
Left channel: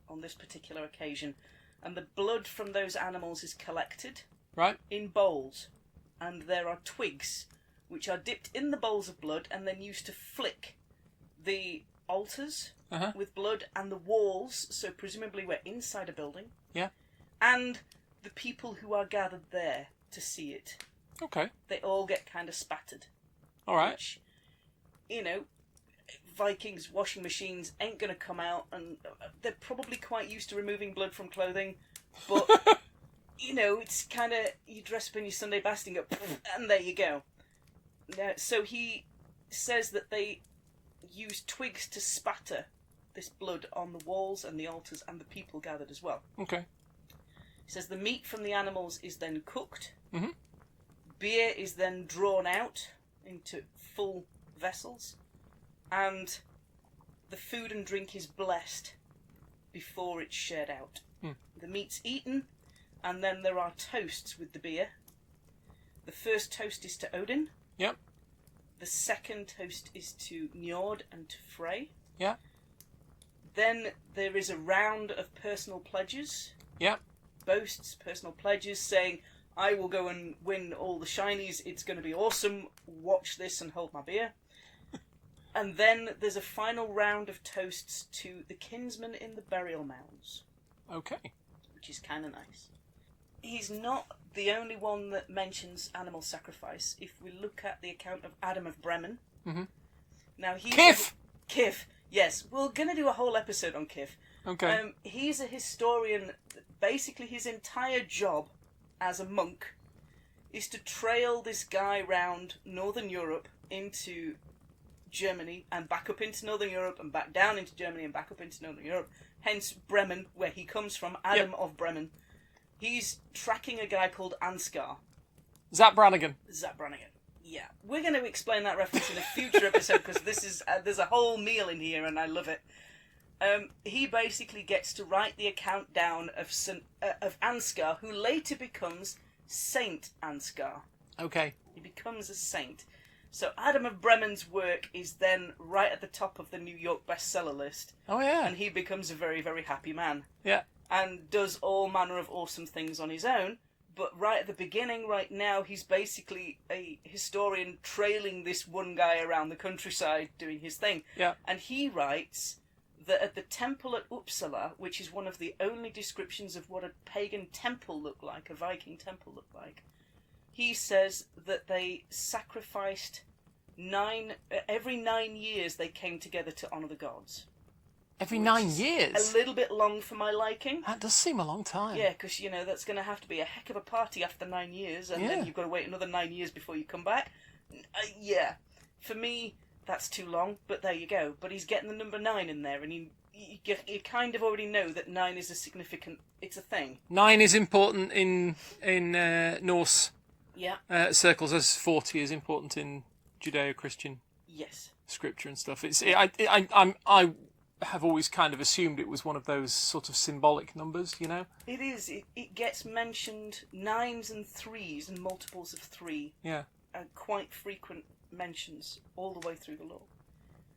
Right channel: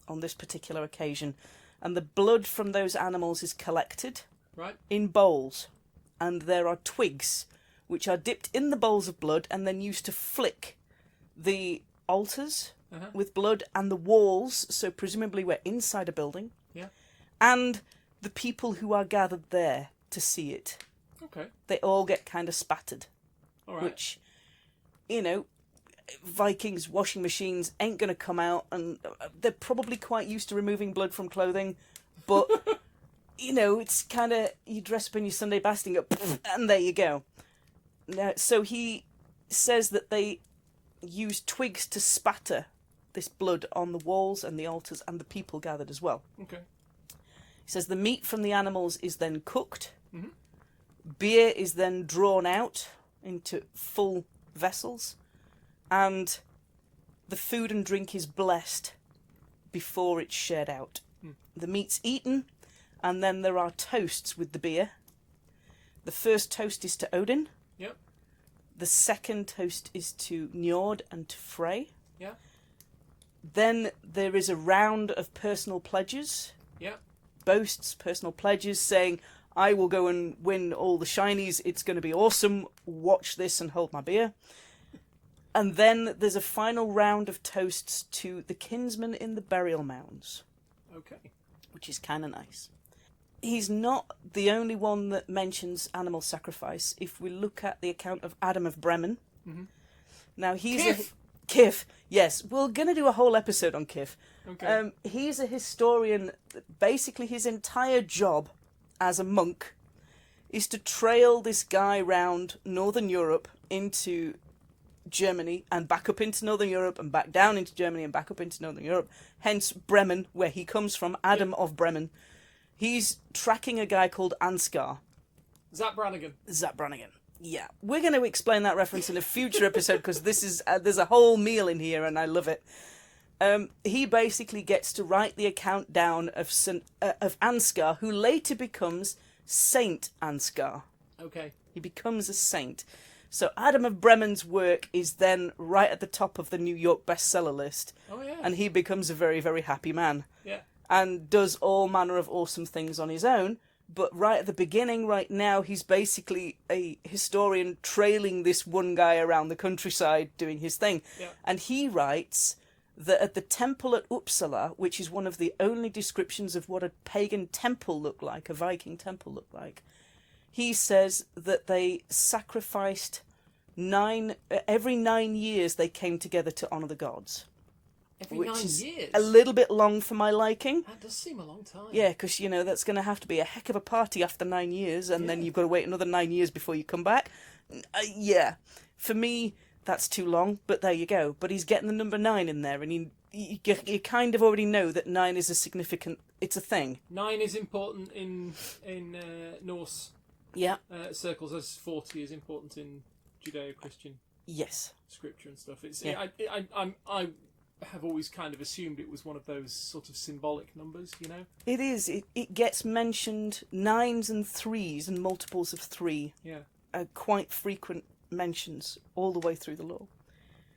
on this particular occasion, and the blood from those animals is collected Right. in bowls, and there are twigs which are dipped in the bowls of blood and then used to flick the altars with blood and the walls, so presumably we're inside a building, Yeah. and the people who are gathered there to see it. Okay. They all get kind of spattered. All right. Which, Vikings washing machines ain't going to come out, and they're probably quite used to removing blood from clothing, but, it's kind of, you dress up in your Sunday best and go, and there you go. So he says that they use twigs to spatter this blood on the walls and the altars and the people gathered as well. Okay. He says the meat from the animals is then cooked. Mhm. Beer is then drawn out into full vessels, and the food and drink is blessed before it's shared out. The meat's eaten, and then there are toasts with the beer. The first toast is to Odin. Yep. The second toast is to Njord and to Frey. Yeah. Then there is a round of personal pledges. Yep. Boasts, personal pledges, saying, I will go and win all the shinies, it's going to be awesome, watch this and hold my beer. And then there's a final round of toasts to the kinsmen in the burial mounds, Okay. which is kind of nice. He's not the only one that mentions animal sacrifice. If we look at the account of Adam of Bremen, now he's Kif! Kif, yes, we're going to do a whole episode on Kif. Okay. He's a historian. Basically, his entire job as a monk is to trail this guy round Northern Europe into Germany and back up into Northern Europe and back down into Germany and back up into Northern Europe. Hence Bremen, where he comes from, Adam of Bremen. He's tracking a guy called Ansgar. Zap Brannigan. Zap Brannigan. Yeah, we're going to explain that reference in a future episode because this is there's a whole meal in here and I love it. He basically gets to write the account down of Ansgar, who later becomes Saint Ansgar. Okay. He becomes a saint. So Adam of Bremen's work is then right at the top of the New York bestseller list. Oh, yeah. And he becomes a very, very happy man. Yeah. And does all manner of awesome things on his own. But right at the beginning, right now, he's basically a historian trailing this one guy around the countryside doing his thing. Yeah. And he writes that at the temple at Uppsala, which is one of the only descriptions of what a pagan temple looked like, a Viking temple looked like, he says that they sacrificed every 9 years they came together to honour the gods. Every Which 9 is years? A little bit long for my liking. That does seem a long time. Yeah, because, that's going to have to be a heck of a party after 9 years, and then Yeah. you've got to wait another 9 years before you come back. Yeah. For me, that's too long, but there you go. But he's getting the number 9 in there, and you kind of already know that 9 is it's a thing. 9 is important in Norse Yeah. circles, as 40 is important in Judeo-Christian Yes. scripture and stuff. I have always kind of assumed it was one of those sort of symbolic numbers, It is. It gets mentioned 9s and 3s and multiples of 3. Yeah. Quite frequent mentions all the way through the law.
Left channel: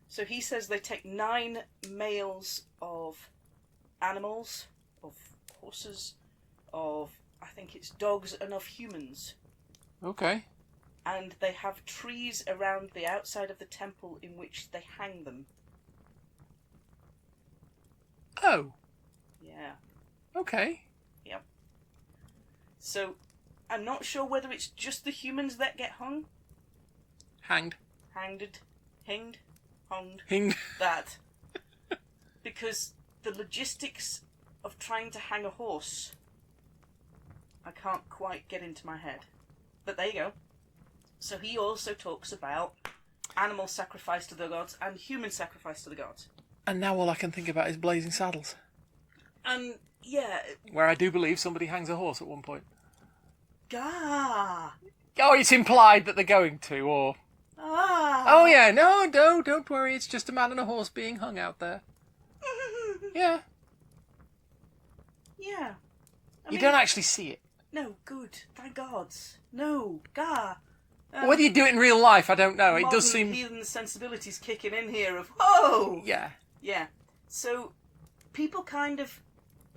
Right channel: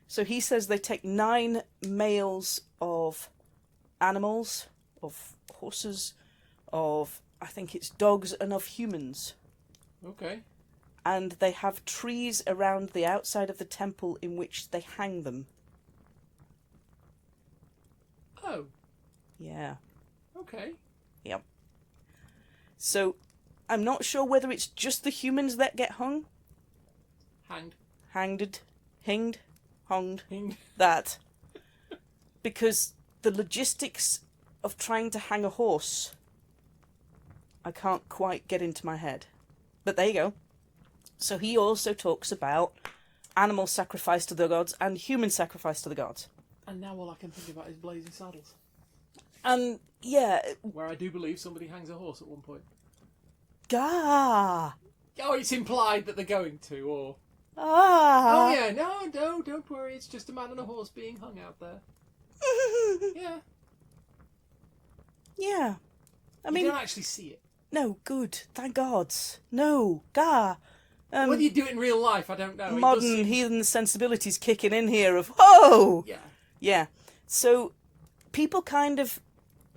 So he says they take 9 males of animals, of horses, of, I think it's dogs, and of humans. Okay. and they have trees around the outside of the temple in which they hang them. Oh. Yeah. Okay. Yep. So, I'm not sure whether it's just the humans that get hung. Hanged. Hanged. Hinged. Hunged. Hinged. That. Because the logistics of trying to hang a horse, I can't quite get into my head. But there you go. So he also talks about animal sacrifice to the gods and human sacrifice to the gods. And now all I can think about is Blazing Saddles. And, yeah... Where I do believe somebody hangs a horse at one point. Gah! Oh, it's implied that they're going to, or... Ah! Oh, yeah, no, don't worry, it's just a man and a horse being hung out there. Yeah. Yeah. You don't actually see it. No, good. Thank gods. No, gah. Whether you do it in real life, I don't know. It Modern does seem... heathen sensibilities kicking in here of, oh! Yeah. Yeah. So, people kind of,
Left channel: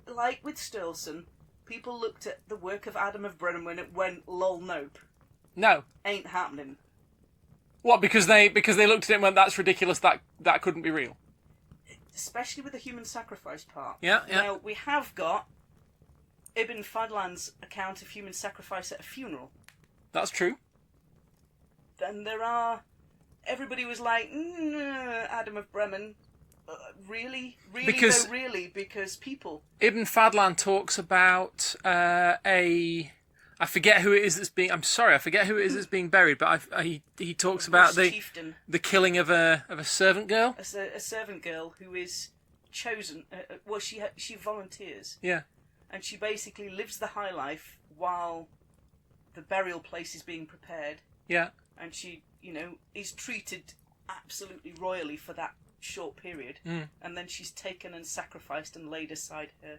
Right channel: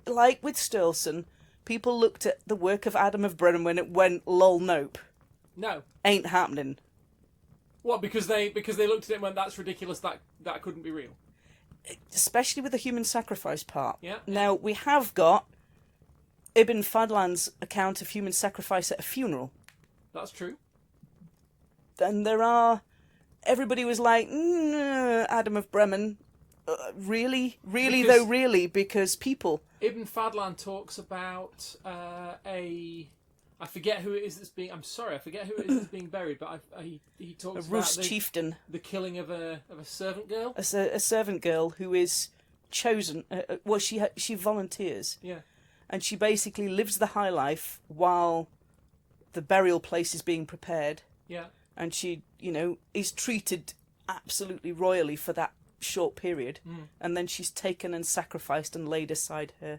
like with Sturluson, people looked at the work of Adam of Brennan when it went, lol, nope. No. Ain't happening. What, because they looked at it and went, that's ridiculous, that couldn't be real? Especially with the human sacrifice part. Yeah. Now, we have got Ibn Fadlan's account of human sacrifice at a funeral. That's true. And there are... Everybody was like, Adam of Bremen, really? Really? Because people... Ibn Fadlan talks about I forget who it is that's being... I'm sorry, I forget who it is that's being buried, but he talks about chieftain. The killing of a servant girl. A servant girl who is chosen... well, she volunteers. Yeah. And she basically lives the high life while the burial place is being prepared. Yeah. And she, is treated absolutely royally for that short period. Mm. And then she's taken and sacrificed and laid aside her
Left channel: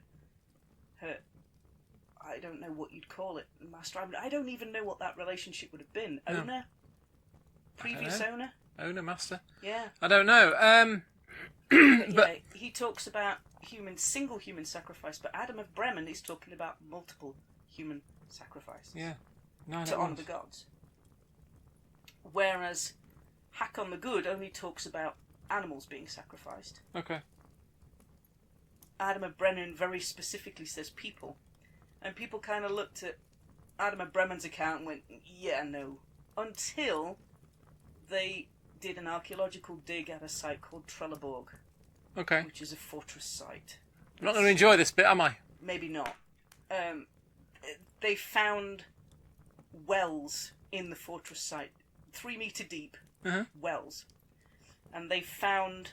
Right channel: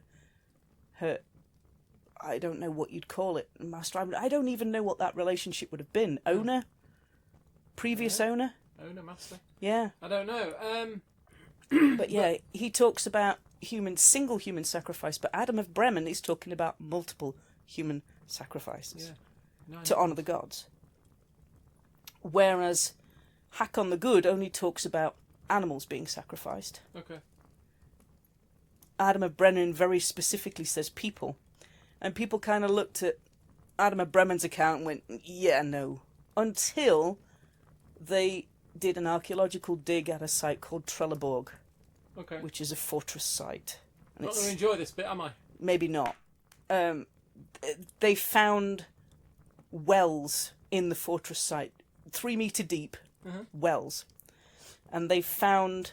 I don't know what you'd call it, master. I don't even know what that relationship would have been. Owner? Previous owner? Owner, master? Yeah. I don't know. But yeah, he talks about single human sacrifice, but Adam of Bremen is talking about multiple human sacrifices. Yeah. To honour the gods. Whereas Hakon the Good only talks about animals being sacrificed. Okay. Adam of Brennan very specifically says people. And people kind of looked at Adam of Bremen's account and went, yeah, no. Until they did an archaeological dig at a site called Trelleborg. Okay. Which is a fortress site. I'm not going to enjoy this bit, am I? Maybe not. They found wells in the fortress site, 3 metre deep wells. And they found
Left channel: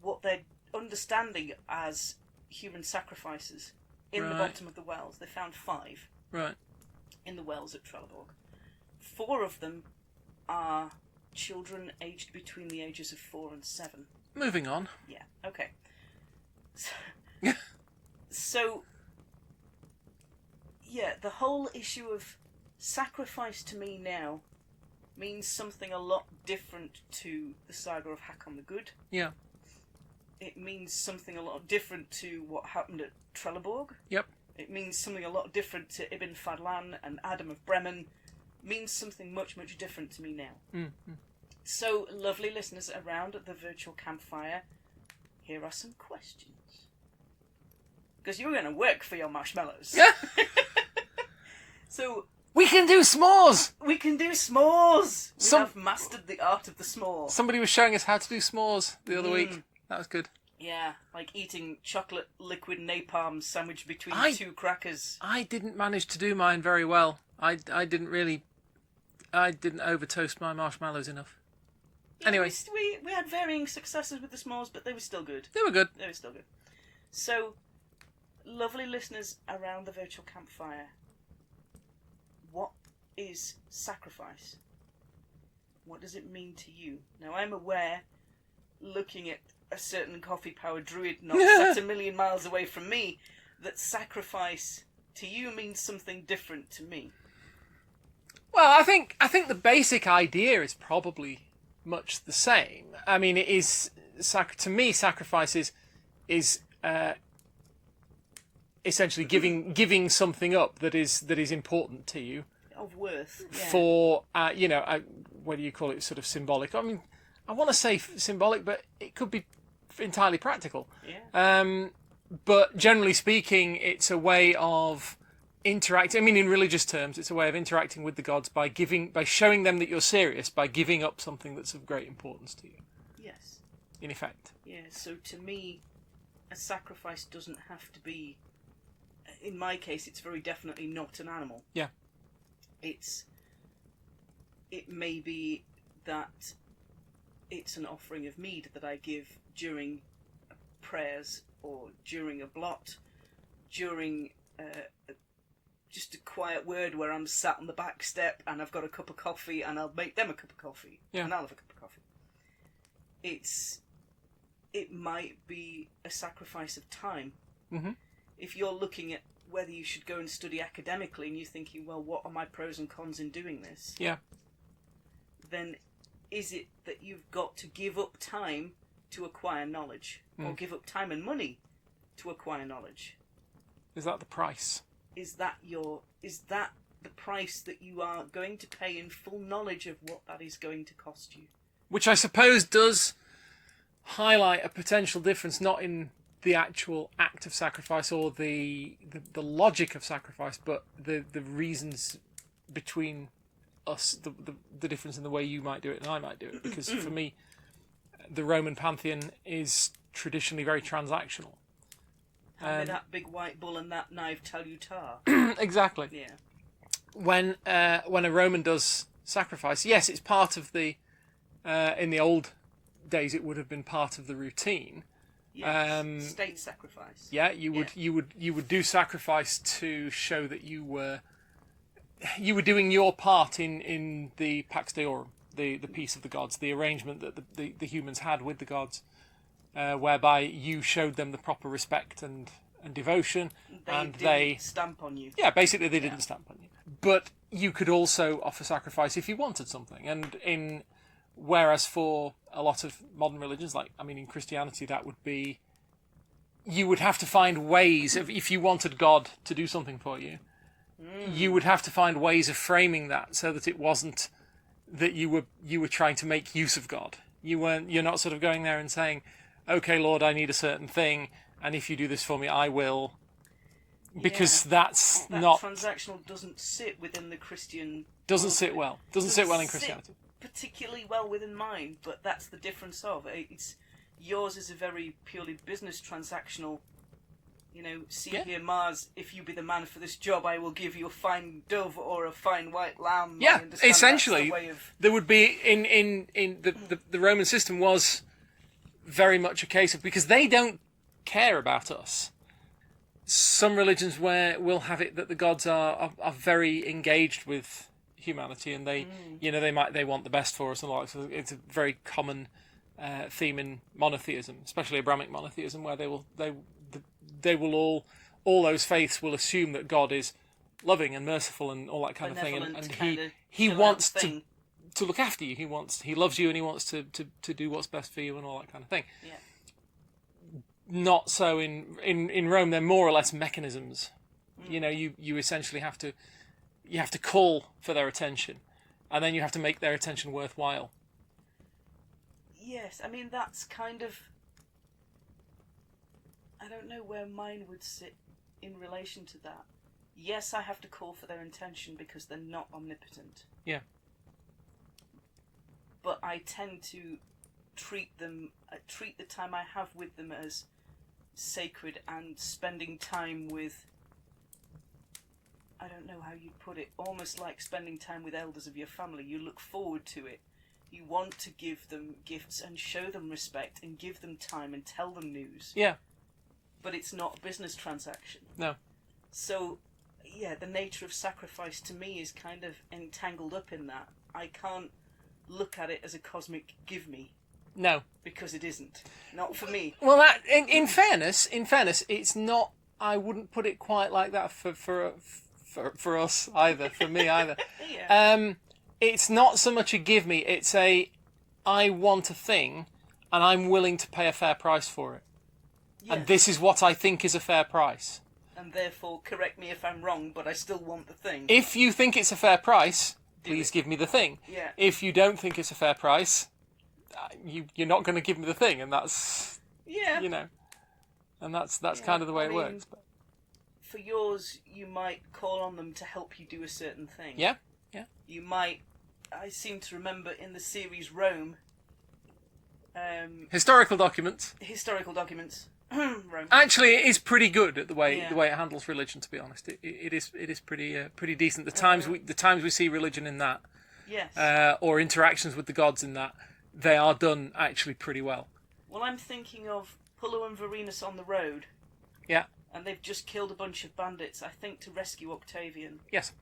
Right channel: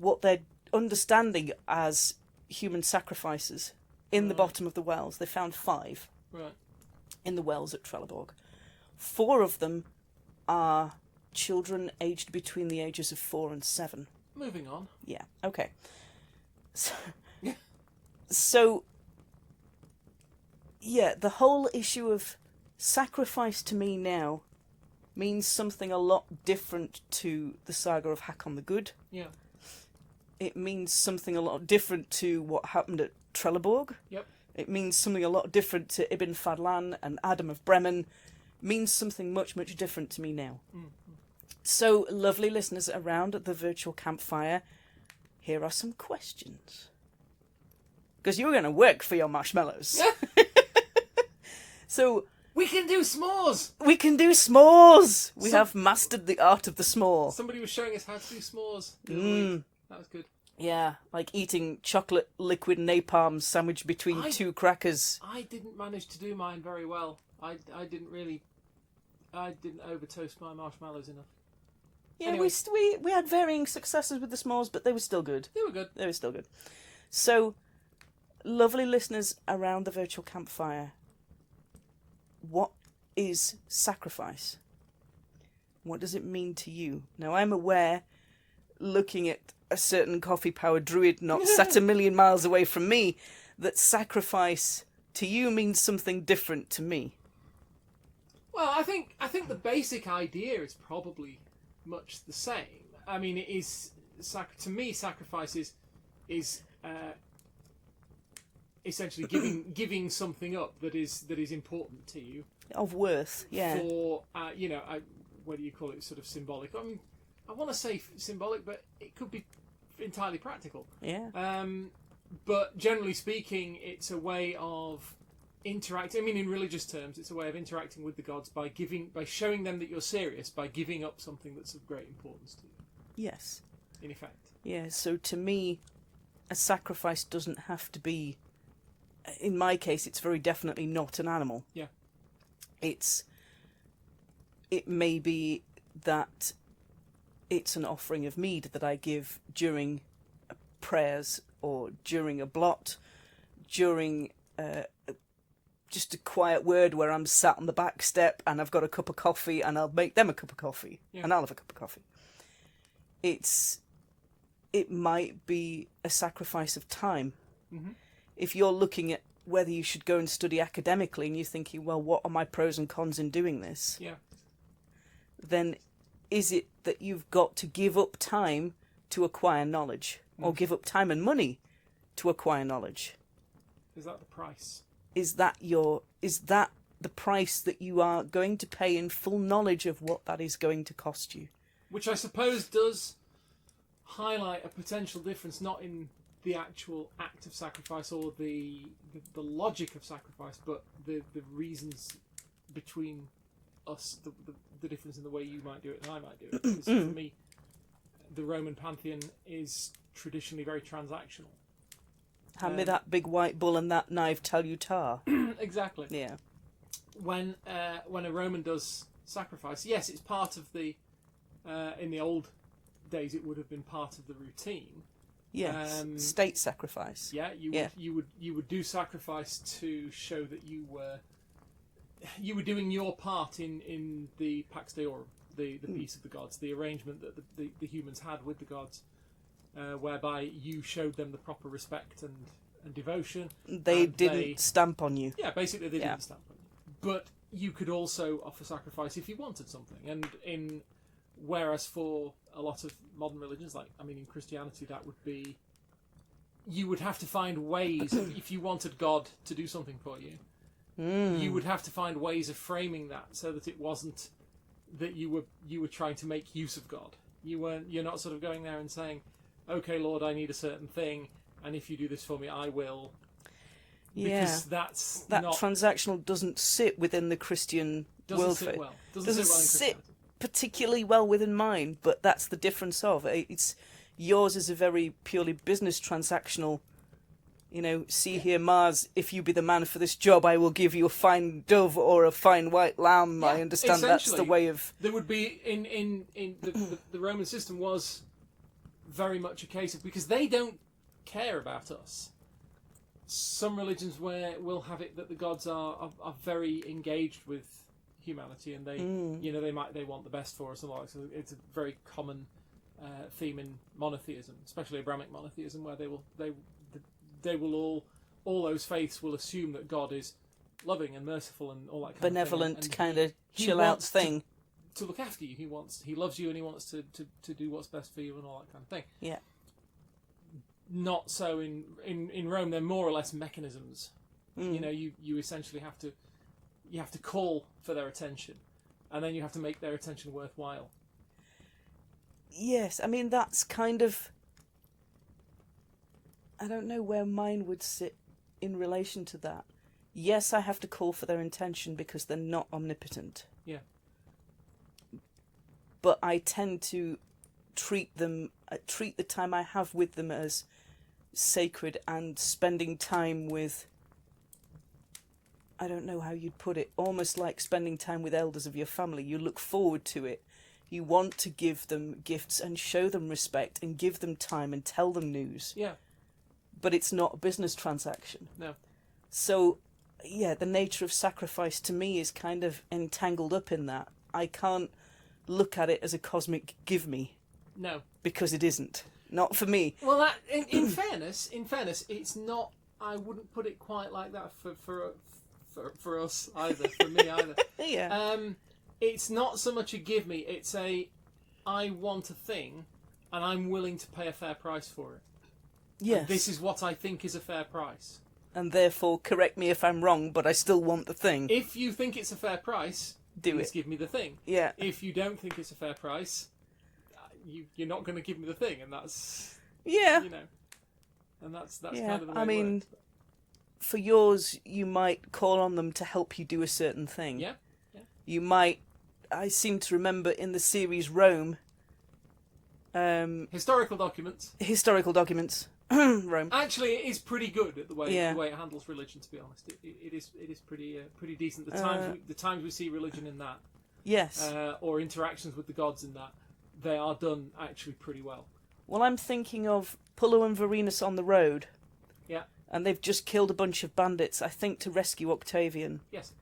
what they're understanding as human sacrifices in the bottom of the wells. They found 5 in the wells at Trelleborg. 4 of them are children aged between the ages of 4 and 7. Moving on. Yeah, okay. So, yeah, the whole issue of sacrifice to me now means something a lot different to the saga of Hakon the Good. Yeah. It means something a lot different to what happened at Trelleborg. Yep. It means something a lot different to Ibn Fadlan and Adam of Bremen. Means something much, much different to me now. Mm-hmm. So, lovely listeners around the virtual campfire, here are some questions. Because you're going to work for your marshmallows. Yeah. So... We can do s'mores! We can do s'mores! We have mastered the art of the s'more. Somebody was showing us how to do s'mores the other week. That was good. Yeah, like eating chocolate liquid napalm sandwiched between 2 crackers. I didn't manage to do mine very well. I didn't over toast my marshmallows enough. Yeah, anyway. We had varying successes with the s'mores, but they were still good. They were good. They were still good. So, lovely listeners around the virtual campfire, what is sacrifice? What does it mean to you? Now, I'm aware, looking at a certain coffee-powered druid not sat a million miles away from me, that sacrifice to you means something different to me. Well, I think the basic idea is probably much the same. I mean, it is to me, sacrifice is essentially giving something up that is important to you. of worth. Yeah. For whether you call it sort of symbolic. I mean, I want to say symbolic, but it could be entirely practical. Yeah. But generally speaking, it's a way of interacting. I mean, in religious terms, it's a way of interacting with the gods by showing them that you're serious, by giving up something that's of great importance to you. Yes. In effect. Yeah. So to me, a sacrifice doesn't have to be. In my case, it's very definitely not an animal. Yeah. It may be that it's an offering of mead that I give during prayers or during a blot, during just a quiet word where I'm sat on the back step and I've got a cup of coffee and I'll make them a cup of coffee and I'll have a cup of coffee. It might be a sacrifice of time. Mm-hmm. If you're looking at whether you should go and study academically and you're thinking, well, what are my pros and cons in doing this? Yeah. Then is it that you've got to give up time to acquire knowledge or give up time and money to acquire knowledge? Is that the price? Is that the price that you are going to pay in full knowledge of what that is going to cost you? Which I suppose does highlight a potential difference, not in the actual act of sacrifice or the logic of sacrifice, but the reasons between us, the difference in the way you might do it and I might do it. Because for me, the Roman pantheon is traditionally very transactional. Hand me that big white bull and that knife till you tar. Exactly. Yeah. When a Roman does sacrifice, yes, it's part of the. In the old days, it would have been part of the routine. Yes. State sacrifice. Yeah, you would do sacrifice to show that you were doing your part in the Pax Deorum, the peace of the gods, the arrangement that the humans had with the gods, whereby you showed them the proper respect and devotion. They didn't stamp on you. Yeah, basically they didn't stamp on you. But you could also offer sacrifice if you wanted something. And whereas for a lot of modern religions, in Christianity, that would be, you would have to find ways if you wanted God to do something for you, you would have to find ways of framing that so that it wasn't that you were trying to make use of God. You're not sort of going there and saying, okay, Lord, I need a certain thing, and if you do this for me, I will. Because that not transactional doesn't sit within the Christian. Doesn't sit well in Christianity. Particularly well within mine, but that's the difference of it's. Yours is a very purely business transactional. Here, Mars, if you be the man for this job, I will give you a fine dove or a fine white lamb. Yeah, I understand essentially, that's the way of. There would be in the Roman system was very much a case of, because they don't care about us. Some religions will have it that the gods are very engaged with humanity, and they want the best for us and all that. So it's a very common theme in monotheism, especially Abrahamic monotheism, where they will all those faiths will assume that God is loving and merciful and all that kind of thing, and he wants to look after you. He loves you, and he wants to do what's best for you and all that kind of thing. Yeah. Not so in Rome. They're more or less mechanisms. You essentially have to call for their attention, and then you have to make their attention worthwhile. Yes, that's kind of. I don't know where mine would sit in relation to that. Yes, I have to call for their attention because they're not omnipotent. Yeah. But I tend to treat the time I have with them as sacred, and spending time with, I don't know how you'd put it, almost like spending time with elders of your family. You look forward to it. You want to give them gifts and show them respect and give them time and tell them news. Yeah. But it's not a business transaction. No. So, yeah, the nature of sacrifice to me is kind of entangled up in that. I can't look at it as a cosmic give me. No. Because it isn't. Not for me. Well, that in fairness, it's not. I wouldn't put it quite like that for us either. For me either. Yeah. It's not so much a give me. It's I want a thing, and I'm willing to pay a fair price for it. Yes. And this is what I think is a fair price. and therefore correct me if I'm wrong, but I still want the thing. If you think it's a fair price, please it. give me the thing. Yeah. If you don't think it's a fair price, you're not going to give me the thing, and that's and that's kind of the way it works. For yours, you might call on them to help you do a certain thing. Yeah. You might. I seem to remember in the series Rome. Historical documents. Rome. Actually, it is pretty good at the way it handles religion. To be honest, it is pretty decent. The times we see religion in that, yes, or interactions with the gods in that, they are done actually pretty well. Well, I'm thinking of Pullo and Varenus on the road. Yeah. And they've just killed a bunch of bandits, I think, to rescue Octavian. Yes.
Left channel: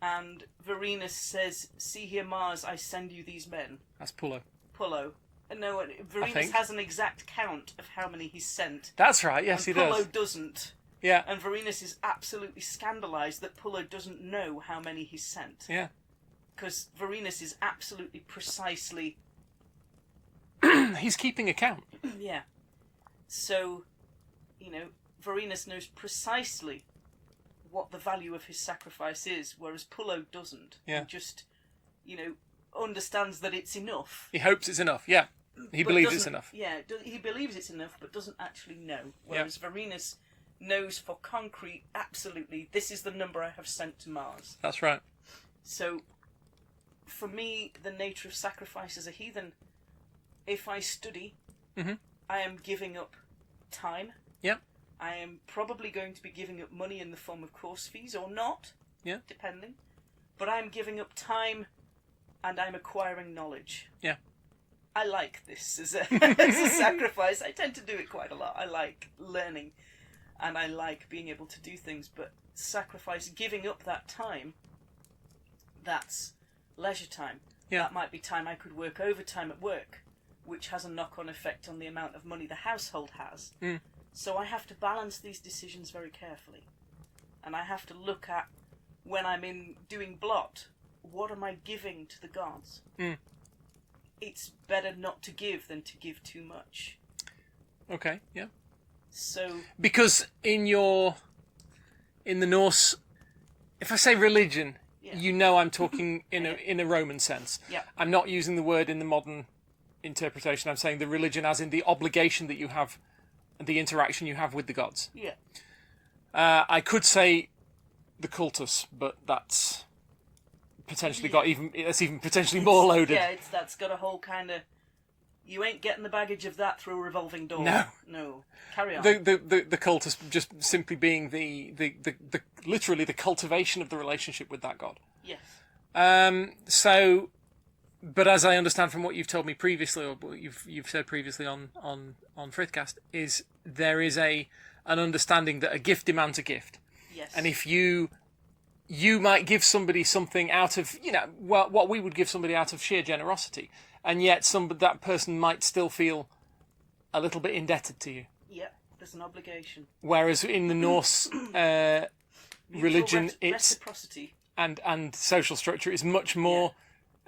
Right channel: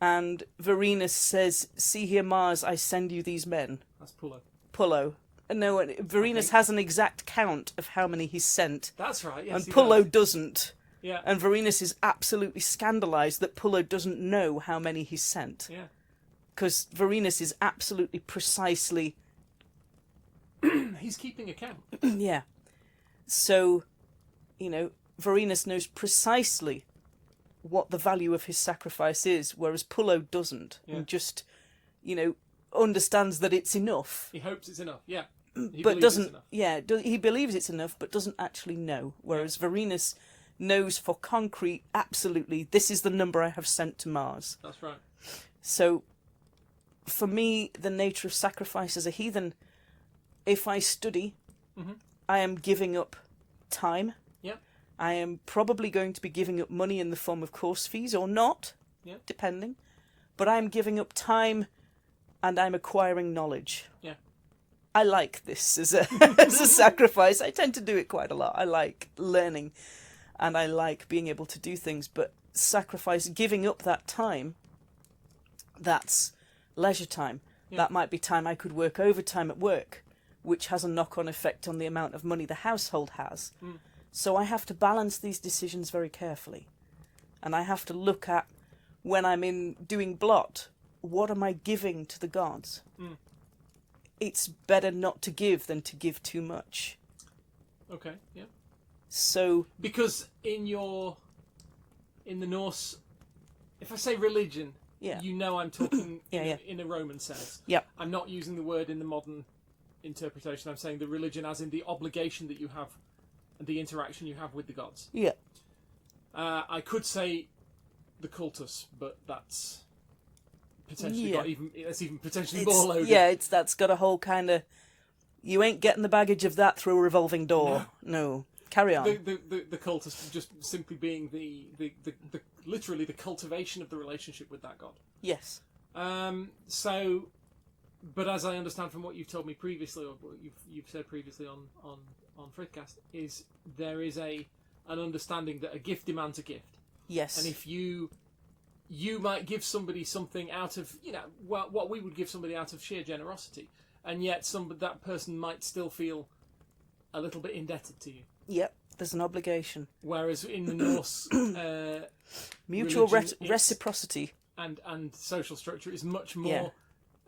And Varenus says, "See here, Mars, I send you these men." That's Pullo. Pullo. No, Varenus has an exact count of how many he's sent. That's right, yes, and he Pullo does. Doesn't. Yeah. And Varenus is absolutely scandalised that Pullo doesn't know how many he's sent. Yeah. Because Varenus is absolutely precisely... He's keeping account. Yeah. So, Varenus knows precisely what the value of his sacrifice is, whereas Pullo doesn't. Yeah. He just, understands that it's enough. He hopes it's enough, yeah. He believes it's enough. Yeah, he believes it's enough, but doesn't actually know. Whereas Varenus knows for concrete, absolutely, this is the number I have sent to Mars. That's right. So, for me, the nature of sacrifice as a heathen, if I study, I am giving up time. Yep. I am probably going to be giving up money in the form of course fees or not, depending. But I'm giving up time and I'm acquiring knowledge. Yeah. I like this as a sacrifice. I tend to do it quite a lot. I like learning and I like being able to do things, but sacrifice, giving up that time, that's leisure time. Yeah. That might be time I could work overtime at work, which has a knock-on effect on the amount of money the household has. Mm. So I have to balance these decisions very carefully. And I have to look at, when I'm in doing blot, what am I giving to the gods? Mm. It's better not to give than to give too much. Okay, yeah. So... Because in the Norse, if I say religion, I'm talking in a Roman sense. Yeah. I'm not using the word in the modern interpretation. I'm saying the religion as in the obligation that you have and the interaction you have with the gods. Yeah. I could say the cultus, but that's potentially even potentially more loaded. Yeah, that's got a whole kind of... You ain't getting the baggage of that through a revolving door. No. Carry on. The cultus just simply being the literally the cultivation of the relationship with that god. Yes. So, but as I understand from what you've told me previously, or what you've said previously on Frithcast, is there is an understanding that a gift demands a gift. Yes. And if you might give somebody something out of what we would give somebody out of sheer generosity, and yet that person might still feel a little bit indebted to you. Yeah, there's an obligation. Whereas in the Norse mutual religion, reciprocity and social structure is much more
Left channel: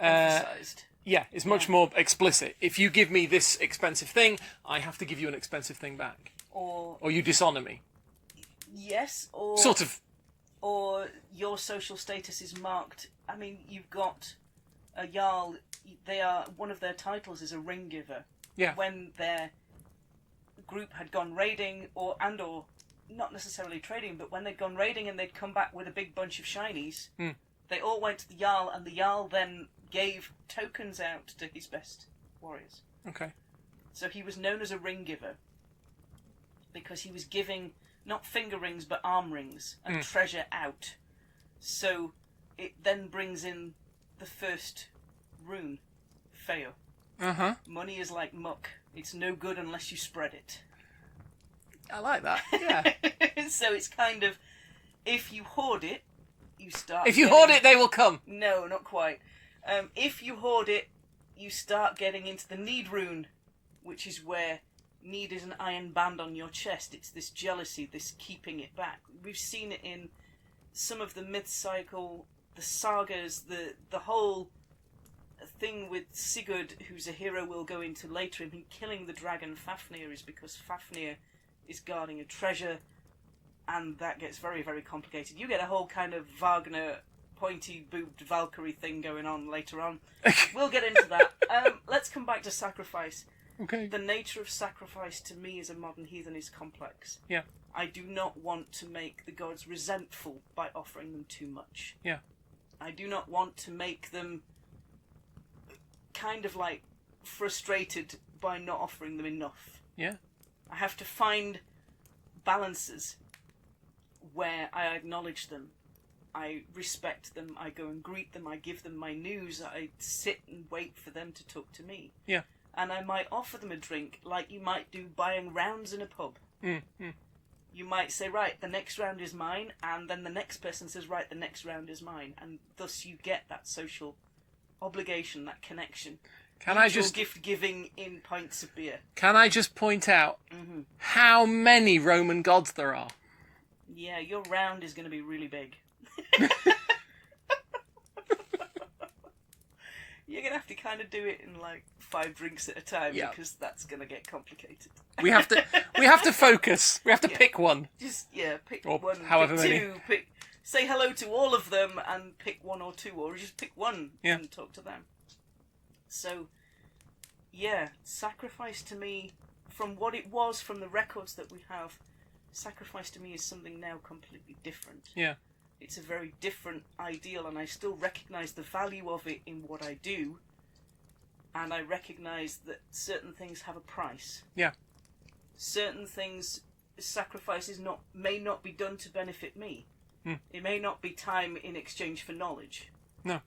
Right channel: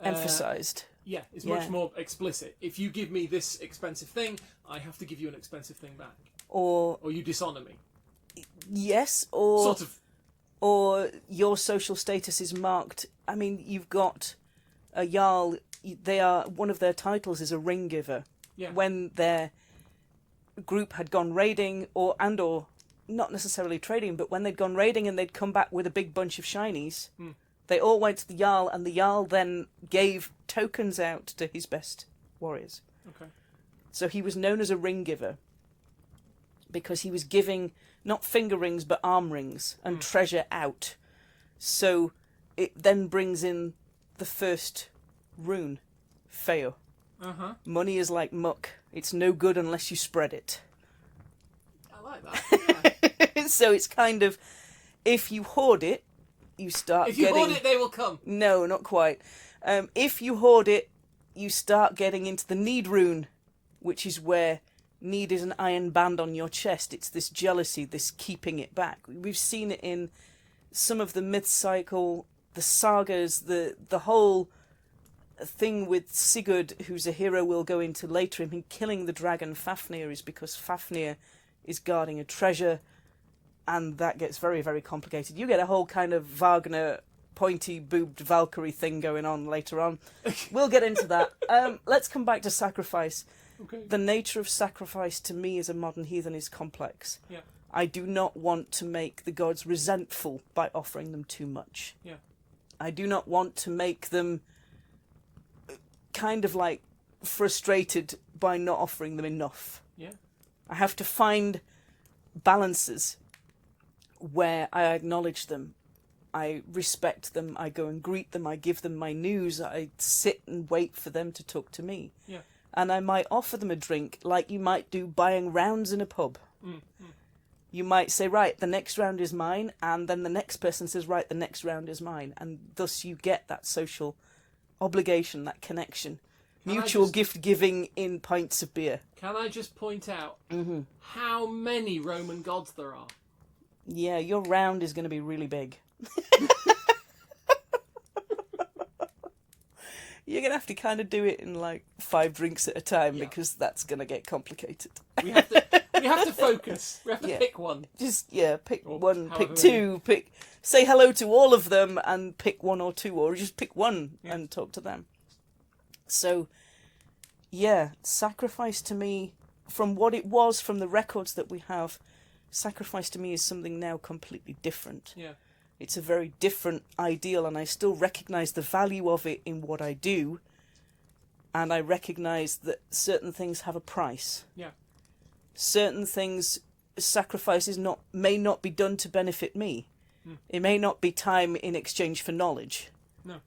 emphasized. Yeah, it's much more explicit. If you give me this expensive thing, I have to give you an expensive thing back. Or you dishonor me. Yes, or... Sort of. Or your social status is marked... I mean, you've got a Jarl... One of their titles is a ring giver. Yeah. When their group had gone raiding, or not necessarily trading, but when they'd gone raiding and they'd come back with a big bunch of shinies, they all went to the Jarl, and the Jarl then gave tokens out to his best warriors. Okay. So he was known as a ring giver because he was giving not finger rings but arm rings and treasure out. So it then brings in the first rune, Feo. Uh-huh. Money is like muck. It's no good unless you spread it. I like that, yeah. So it's kind of, if you hoard it, you start If you hoard it, they will come. No, not quite. If you hoard it, you start getting into the need rune, which is where need is an iron band on your chest. It's this jealousy, this keeping it back. We've seen it in some of the myth cycle, the sagas, the whole thing with Sigurd, who's a hero we'll go into later, and him killing the dragon Fafnir is because Fafnir is guarding a treasure. and that gets very, very complicated. You get a whole kind of Wagner pointy-boobed Valkyrie thing going on later on. We'll get into that. Let's come back to sacrifice. Okay. The nature of sacrifice to me as a modern heathen is complex. Yeah. I do not want to make the gods resentful by offering them too much. Yeah. I do not want to make them kind of like frustrated by not offering them enough. Yeah. I have to find balances where I acknowledge them, I respect them, I go and greet them, I give them my news, I sit and wait for them to talk to me. Yeah. And I might offer them a drink like you might do buying rounds in a pub. You might say, right, the next round is mine, and then the next person says, right, the next round is mine. And thus you get that social obligation, that connection. Mutual gift giving in pints of beer. Can I just point out how many Roman gods there are? Yeah, your round is going to be really big. You're going to have to kind of do it in like 5 drinks at a time because that's going to get complicated. We have to focus. We have to pick one. Just, pick or one, however pick two, say hello to all of them and pick 1 or 2, or just pick one and talk to them. So, sacrifice to me, from what it was, from the records that we have, sacrifice to me is something now completely different. Yeah. It's a very different ideal, and I still recognise the value of it in what I do, and I recognise that certain things have a price. Yeah. Certain things, sacrifices may not be done to benefit me. It may not be time in exchange for knowledge. No.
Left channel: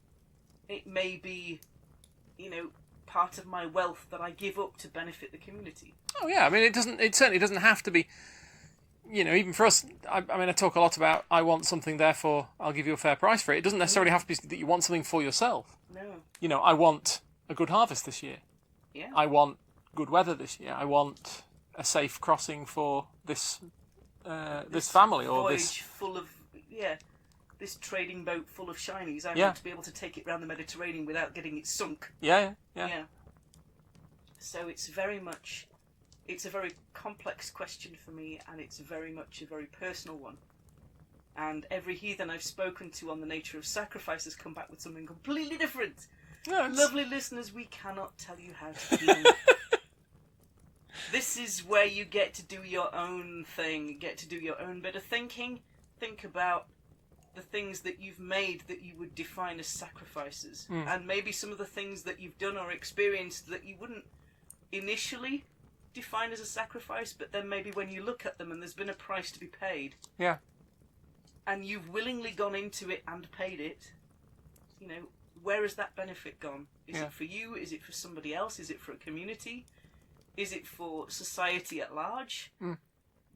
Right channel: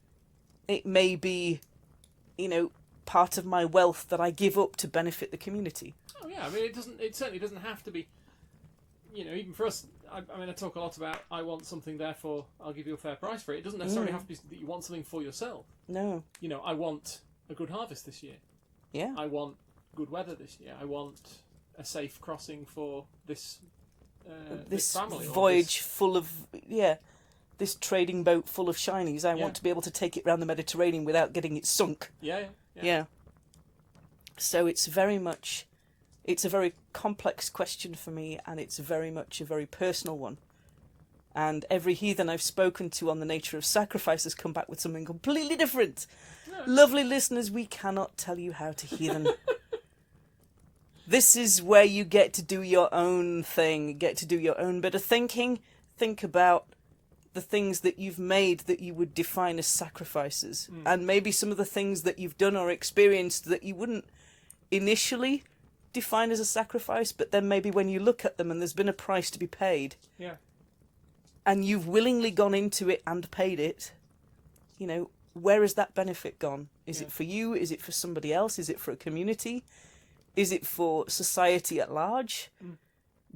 It may be, part of my wealth that I give up to benefit the community. Oh yeah, I mean it certainly doesn't have to be, even for us, I talk a lot about I want something, therefore I'll give you a fair price for it. It doesn't necessarily have to be that you want something for yourself. No. I want a good harvest this year. Yeah. I want good weather this year. I want a safe crossing for this family. Or voyage full of, this trading boat full of shinies. I want to be able to take it around the Mediterranean without getting it sunk. Yeah. So it's a very complex question for me, and it's very much a very personal one. And every heathen I've spoken to on the nature of sacrifice has come back with something completely different. No, lovely listeners, we cannot tell you how to heathen. This is where you get to do your own thing, get to do your own bit of thinking. Think about the things that you've made that you would define as sacrifices. And maybe some of the things that you've done or experienced that you wouldn't initially define as a sacrifice, but then maybe when you look at them and there's been a price to be paid, and you've willingly gone into it and paid it, where has that benefit gone? Is it for you? Is it for somebody else? Is it for a community? Is it for society at large?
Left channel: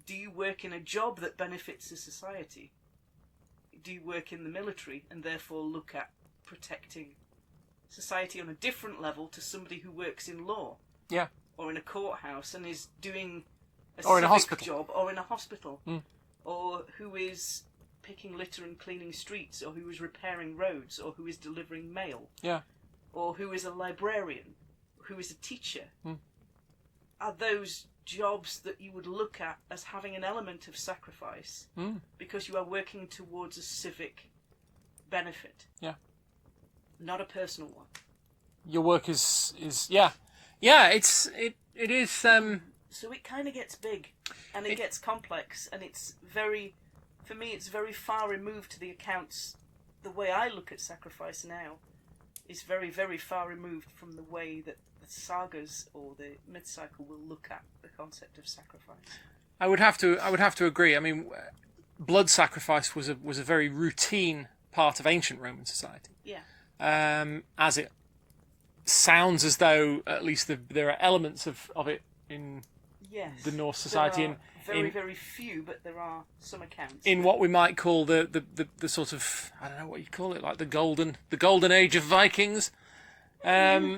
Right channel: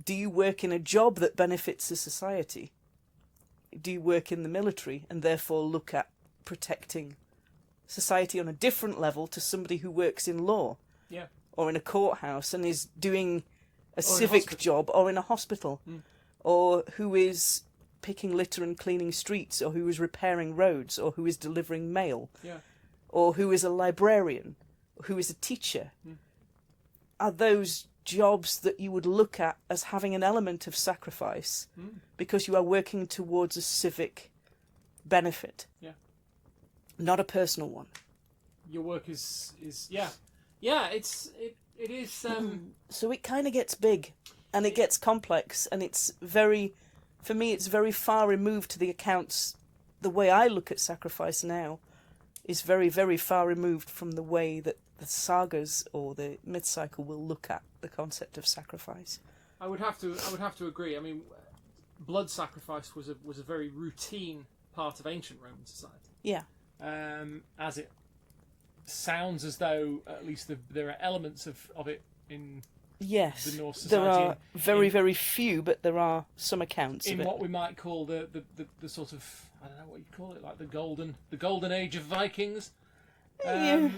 Do you work in a job that benefits the society? Do you work in the military and therefore look at protecting society on a different level to somebody who works in law? Yeah. Or in a courthouse and is doing a civic job, or in a hospital, or who is picking litter and cleaning streets, or who is repairing roads, or who is delivering mail, or who is a librarian, who is a teacher. Are those jobs that you would look at as having an element of sacrifice because you are working towards a civic benefit? Not a personal one. Your work is it is So it kind of gets big, and it gets complex, and it's very far removed to the accounts. The way I look at sacrifice now is very, very far removed from the way that the sagas or the myth cycle will look at the concept of sacrifice. I would have to agree. I mean, blood sacrifice was a very routine part of ancient Roman society. Yeah. As it sounds as though at least there are elements of it in the Norse society. There are very few, but there are some accounts in what we might call the sort of, I don't know what you call it, like the golden age of Vikings. The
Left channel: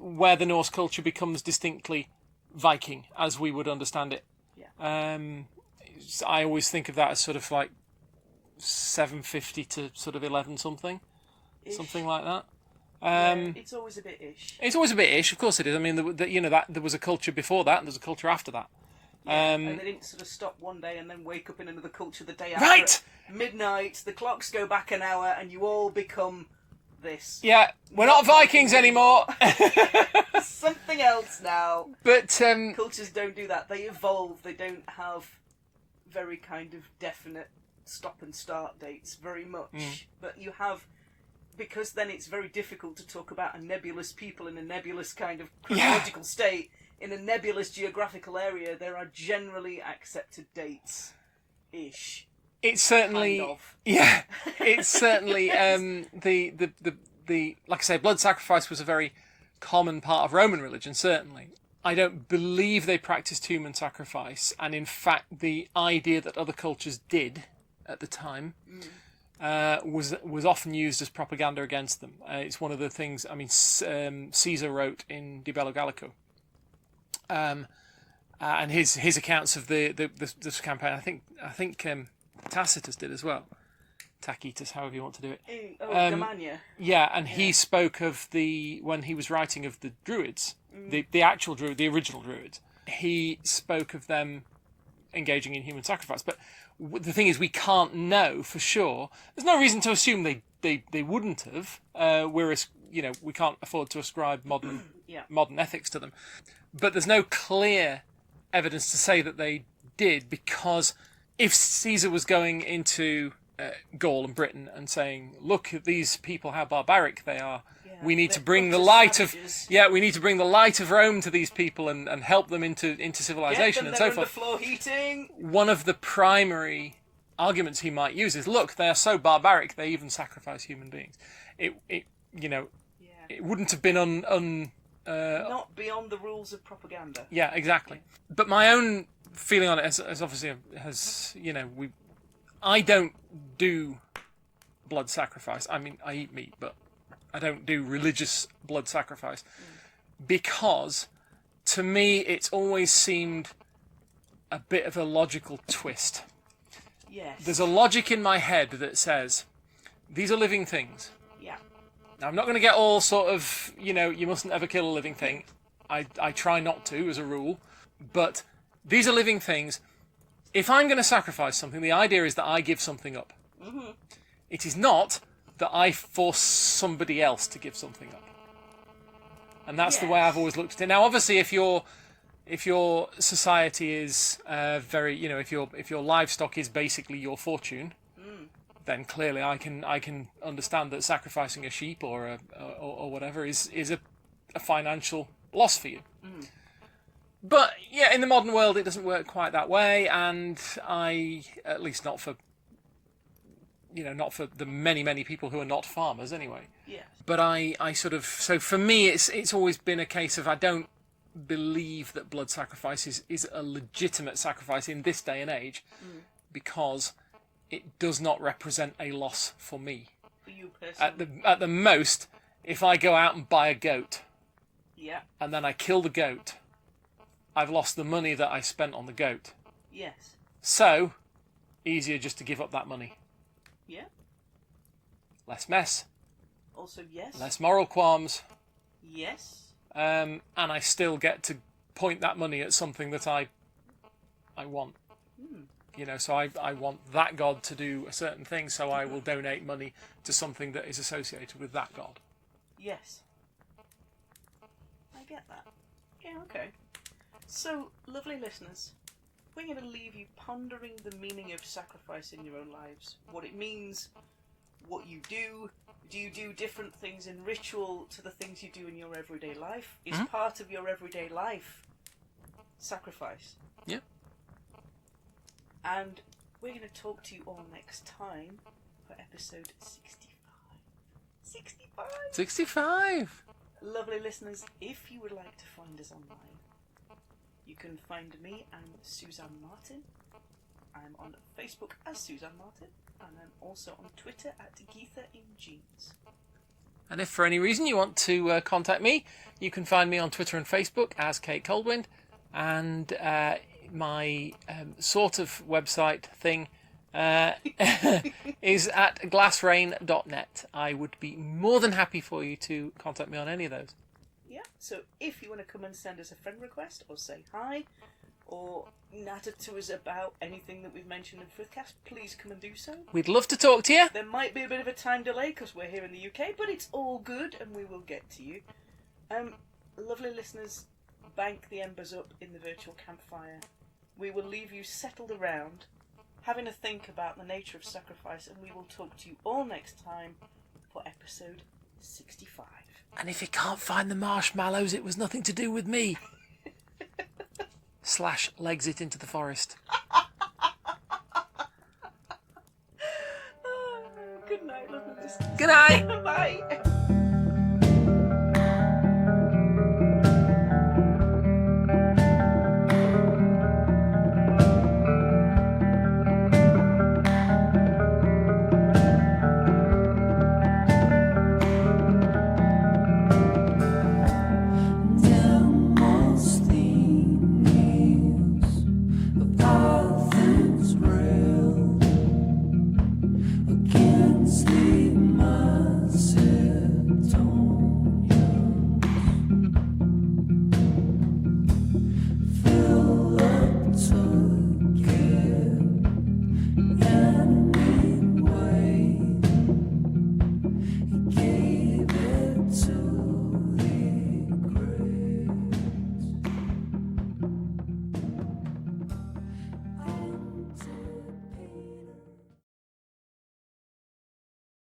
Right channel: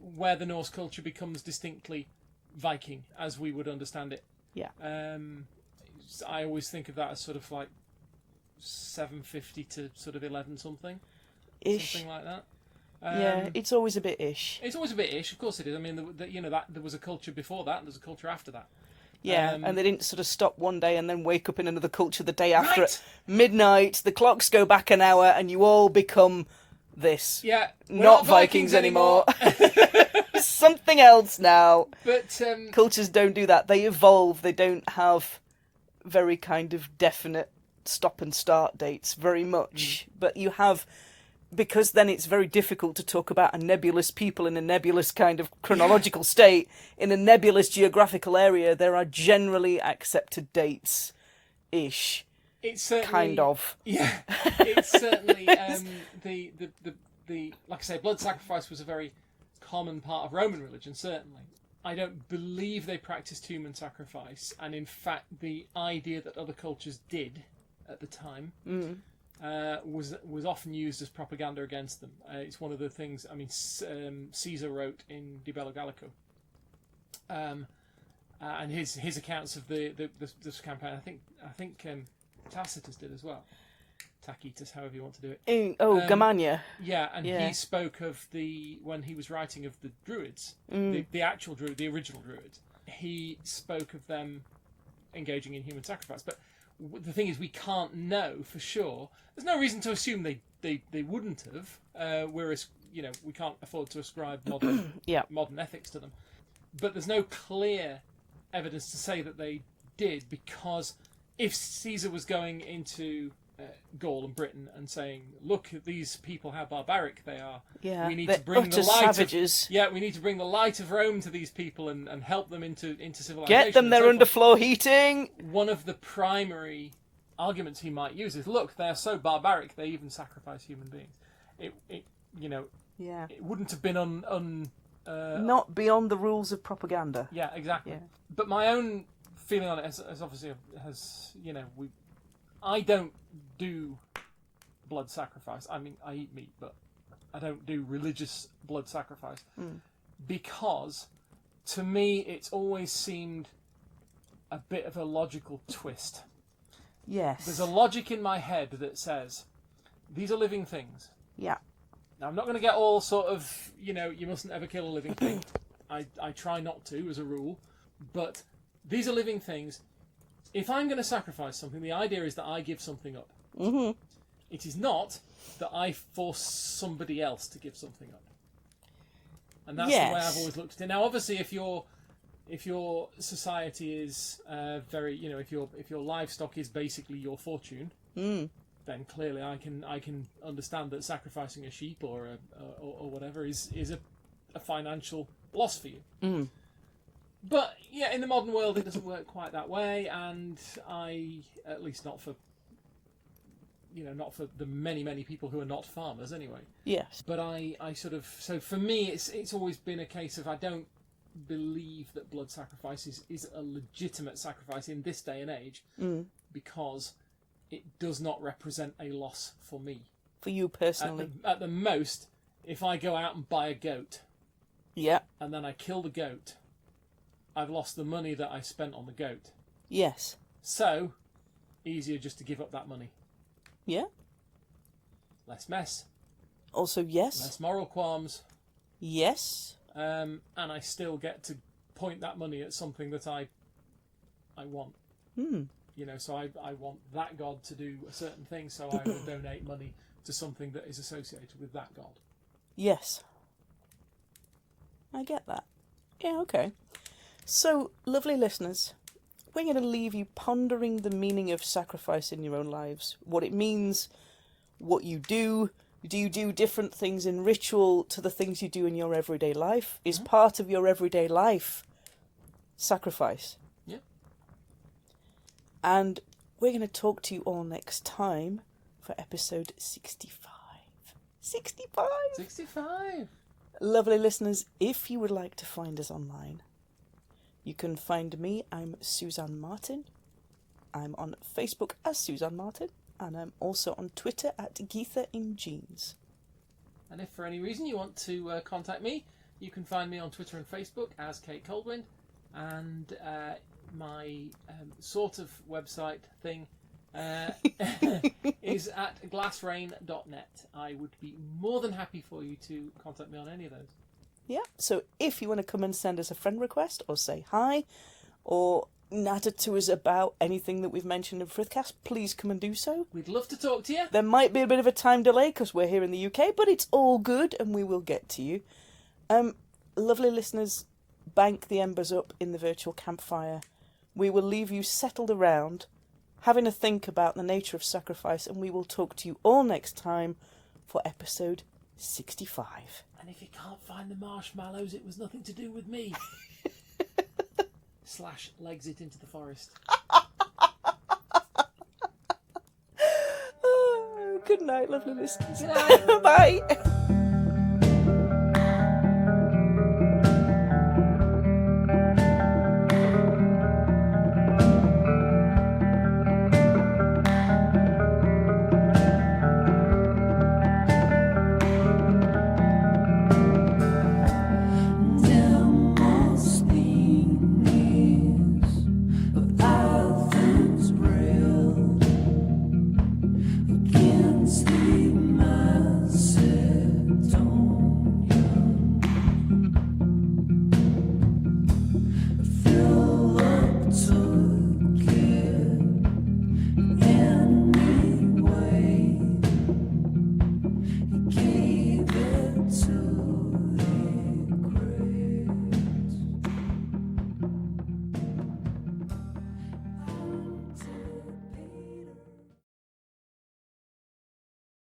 where the Norse culture becomes distinctly Viking as we would understand it. Yeah. I always think of that as sort of like 750 to sort of 11 something, something like that. It's always a bit ish. It's always a bit ish, of course it is. I mean, that there was a culture before that, and there's a culture after that. Yeah, and they didn't sort of stop one day and then wake up in another culture the day after. Right. At midnight, the clocks go back an hour, and you all become this. Yeah, we're not Vikings anymore. Something else now. But Cultures don't do that. They evolve. They don't have very kind of definite stop and start dates very much. But you have, because then it's very difficult to talk about a nebulous people in a nebulous kind of chronological state. In a nebulous geographical area, there are generally accepted dates ish. It's certainly kind of. Yeah. It's certainly the like I say, blood sacrifice was a very common part of Roman religion, certainly. I don't believe they practiced human sacrifice, and in fact the idea that other cultures did at the time was often used as propaganda against them. It's one of the things, I mean, Caesar wrote in De Bello Gallico, and his accounts of this campaign, I think Tacitus did as well. Tacitus, however you want to do it. Germania. Yeah, and he spoke of when he was writing of the Druids, the actual Druid, the original Druids, he spoke of them engaging in human sacrifice. But the thing is, we can't know for sure. There's no reason to assume they wouldn't have. Whereas, we can't afford to ascribe modern ethics to them. But there's no clear evidence to say that they did, because if Caesar was going into Gaul and Britain and saying, "Look at these people, how barbaric they are. Yeah, we need to bring the light savages. we need to bring the light of Rome to these people and help them into civilization." Get them their underfloor heating. One of the primary arguments he might use is, "Look, they are so barbaric they even sacrifice human beings." It wouldn't have been not beyond the rules of propaganda. Yeah, exactly. Yeah. But my own feeling on it has obviously I don't do blood sacrifice. I mean, I eat meat, but I don't do religious blood sacrifice because, to me, it's always seemed a bit of a logical twist. Yes. There's a logic in my head that says, these are living things. Yeah. Now, I'm not going to get all sort of, you mustn't ever kill a living thing. I try not to, as a rule. But these are living things. If I'm going to sacrifice something, the idea is that I give something up. Mm-hmm. It is not that I force somebody else to give something up. And that's the way I've always looked at it. Now, obviously, if your society is very, if your livestock is basically your fortune, then clearly I can understand that sacrificing a sheep or whatever is a financial loss for you. Mm. But yeah, in the modern world, it doesn't work quite that way, and at least not for the many people who are not farmers anyway. Yes. But so for me, it's always been a case of I don't believe that blood sacrifice is a legitimate sacrifice in this day and age, because it does not represent a loss for me. For you personally. At the most, if I go out and buy a goat, and then I kill the goat, I've lost the money that I spent on the goat. Yes. So, easier just to give up that money. Yeah. Less mess. Also, yes. Less moral qualms. Yes. And I still get to point that money at something that I want. So I want that god to do a certain thing, so I will donate money to something that is associated with that god. Yes. I get that. Yeah, okay. So, lovely listeners, we're going to leave you pondering the meaning of sacrifice in your own lives. What it means, what you do. Do you do different things in ritual to the things you do in your everyday life? Is part of your everyday life sacrifice? Yeah. And we're going to talk to you all next time for episode 65. 65! 65! Lovely listeners, if you would like to find us online, you can find me. I'm Suzanne Martin. I'm on Facebook as Suzanne Martin, and I'm also on Twitter at Geetha in Jeans. And if for any reason you want to contact me, you can find me on Twitter and Facebook as Kate Coldwind, and my sort of website thing is at glassrain.net. I would be more than happy for you to contact me on any of those. Yeah, so if you want to come and send us a friend request or say hi or natter to us about anything that we've mentioned in Frithcast, please come and do so. We'd love to talk to you. There might be a bit of a time delay because we're here in the UK, but it's all good and we will get to you. Lovely listeners, bank the embers up in the virtual campfire. We will leave you settled around, having a think about the nature of sacrifice, and we will talk to you all next time for episode 65. And if you can't find the marshmallows, it was nothing to do with me. / legs it into the forest. Good night, lovely listeners. Good night. Bye. Against the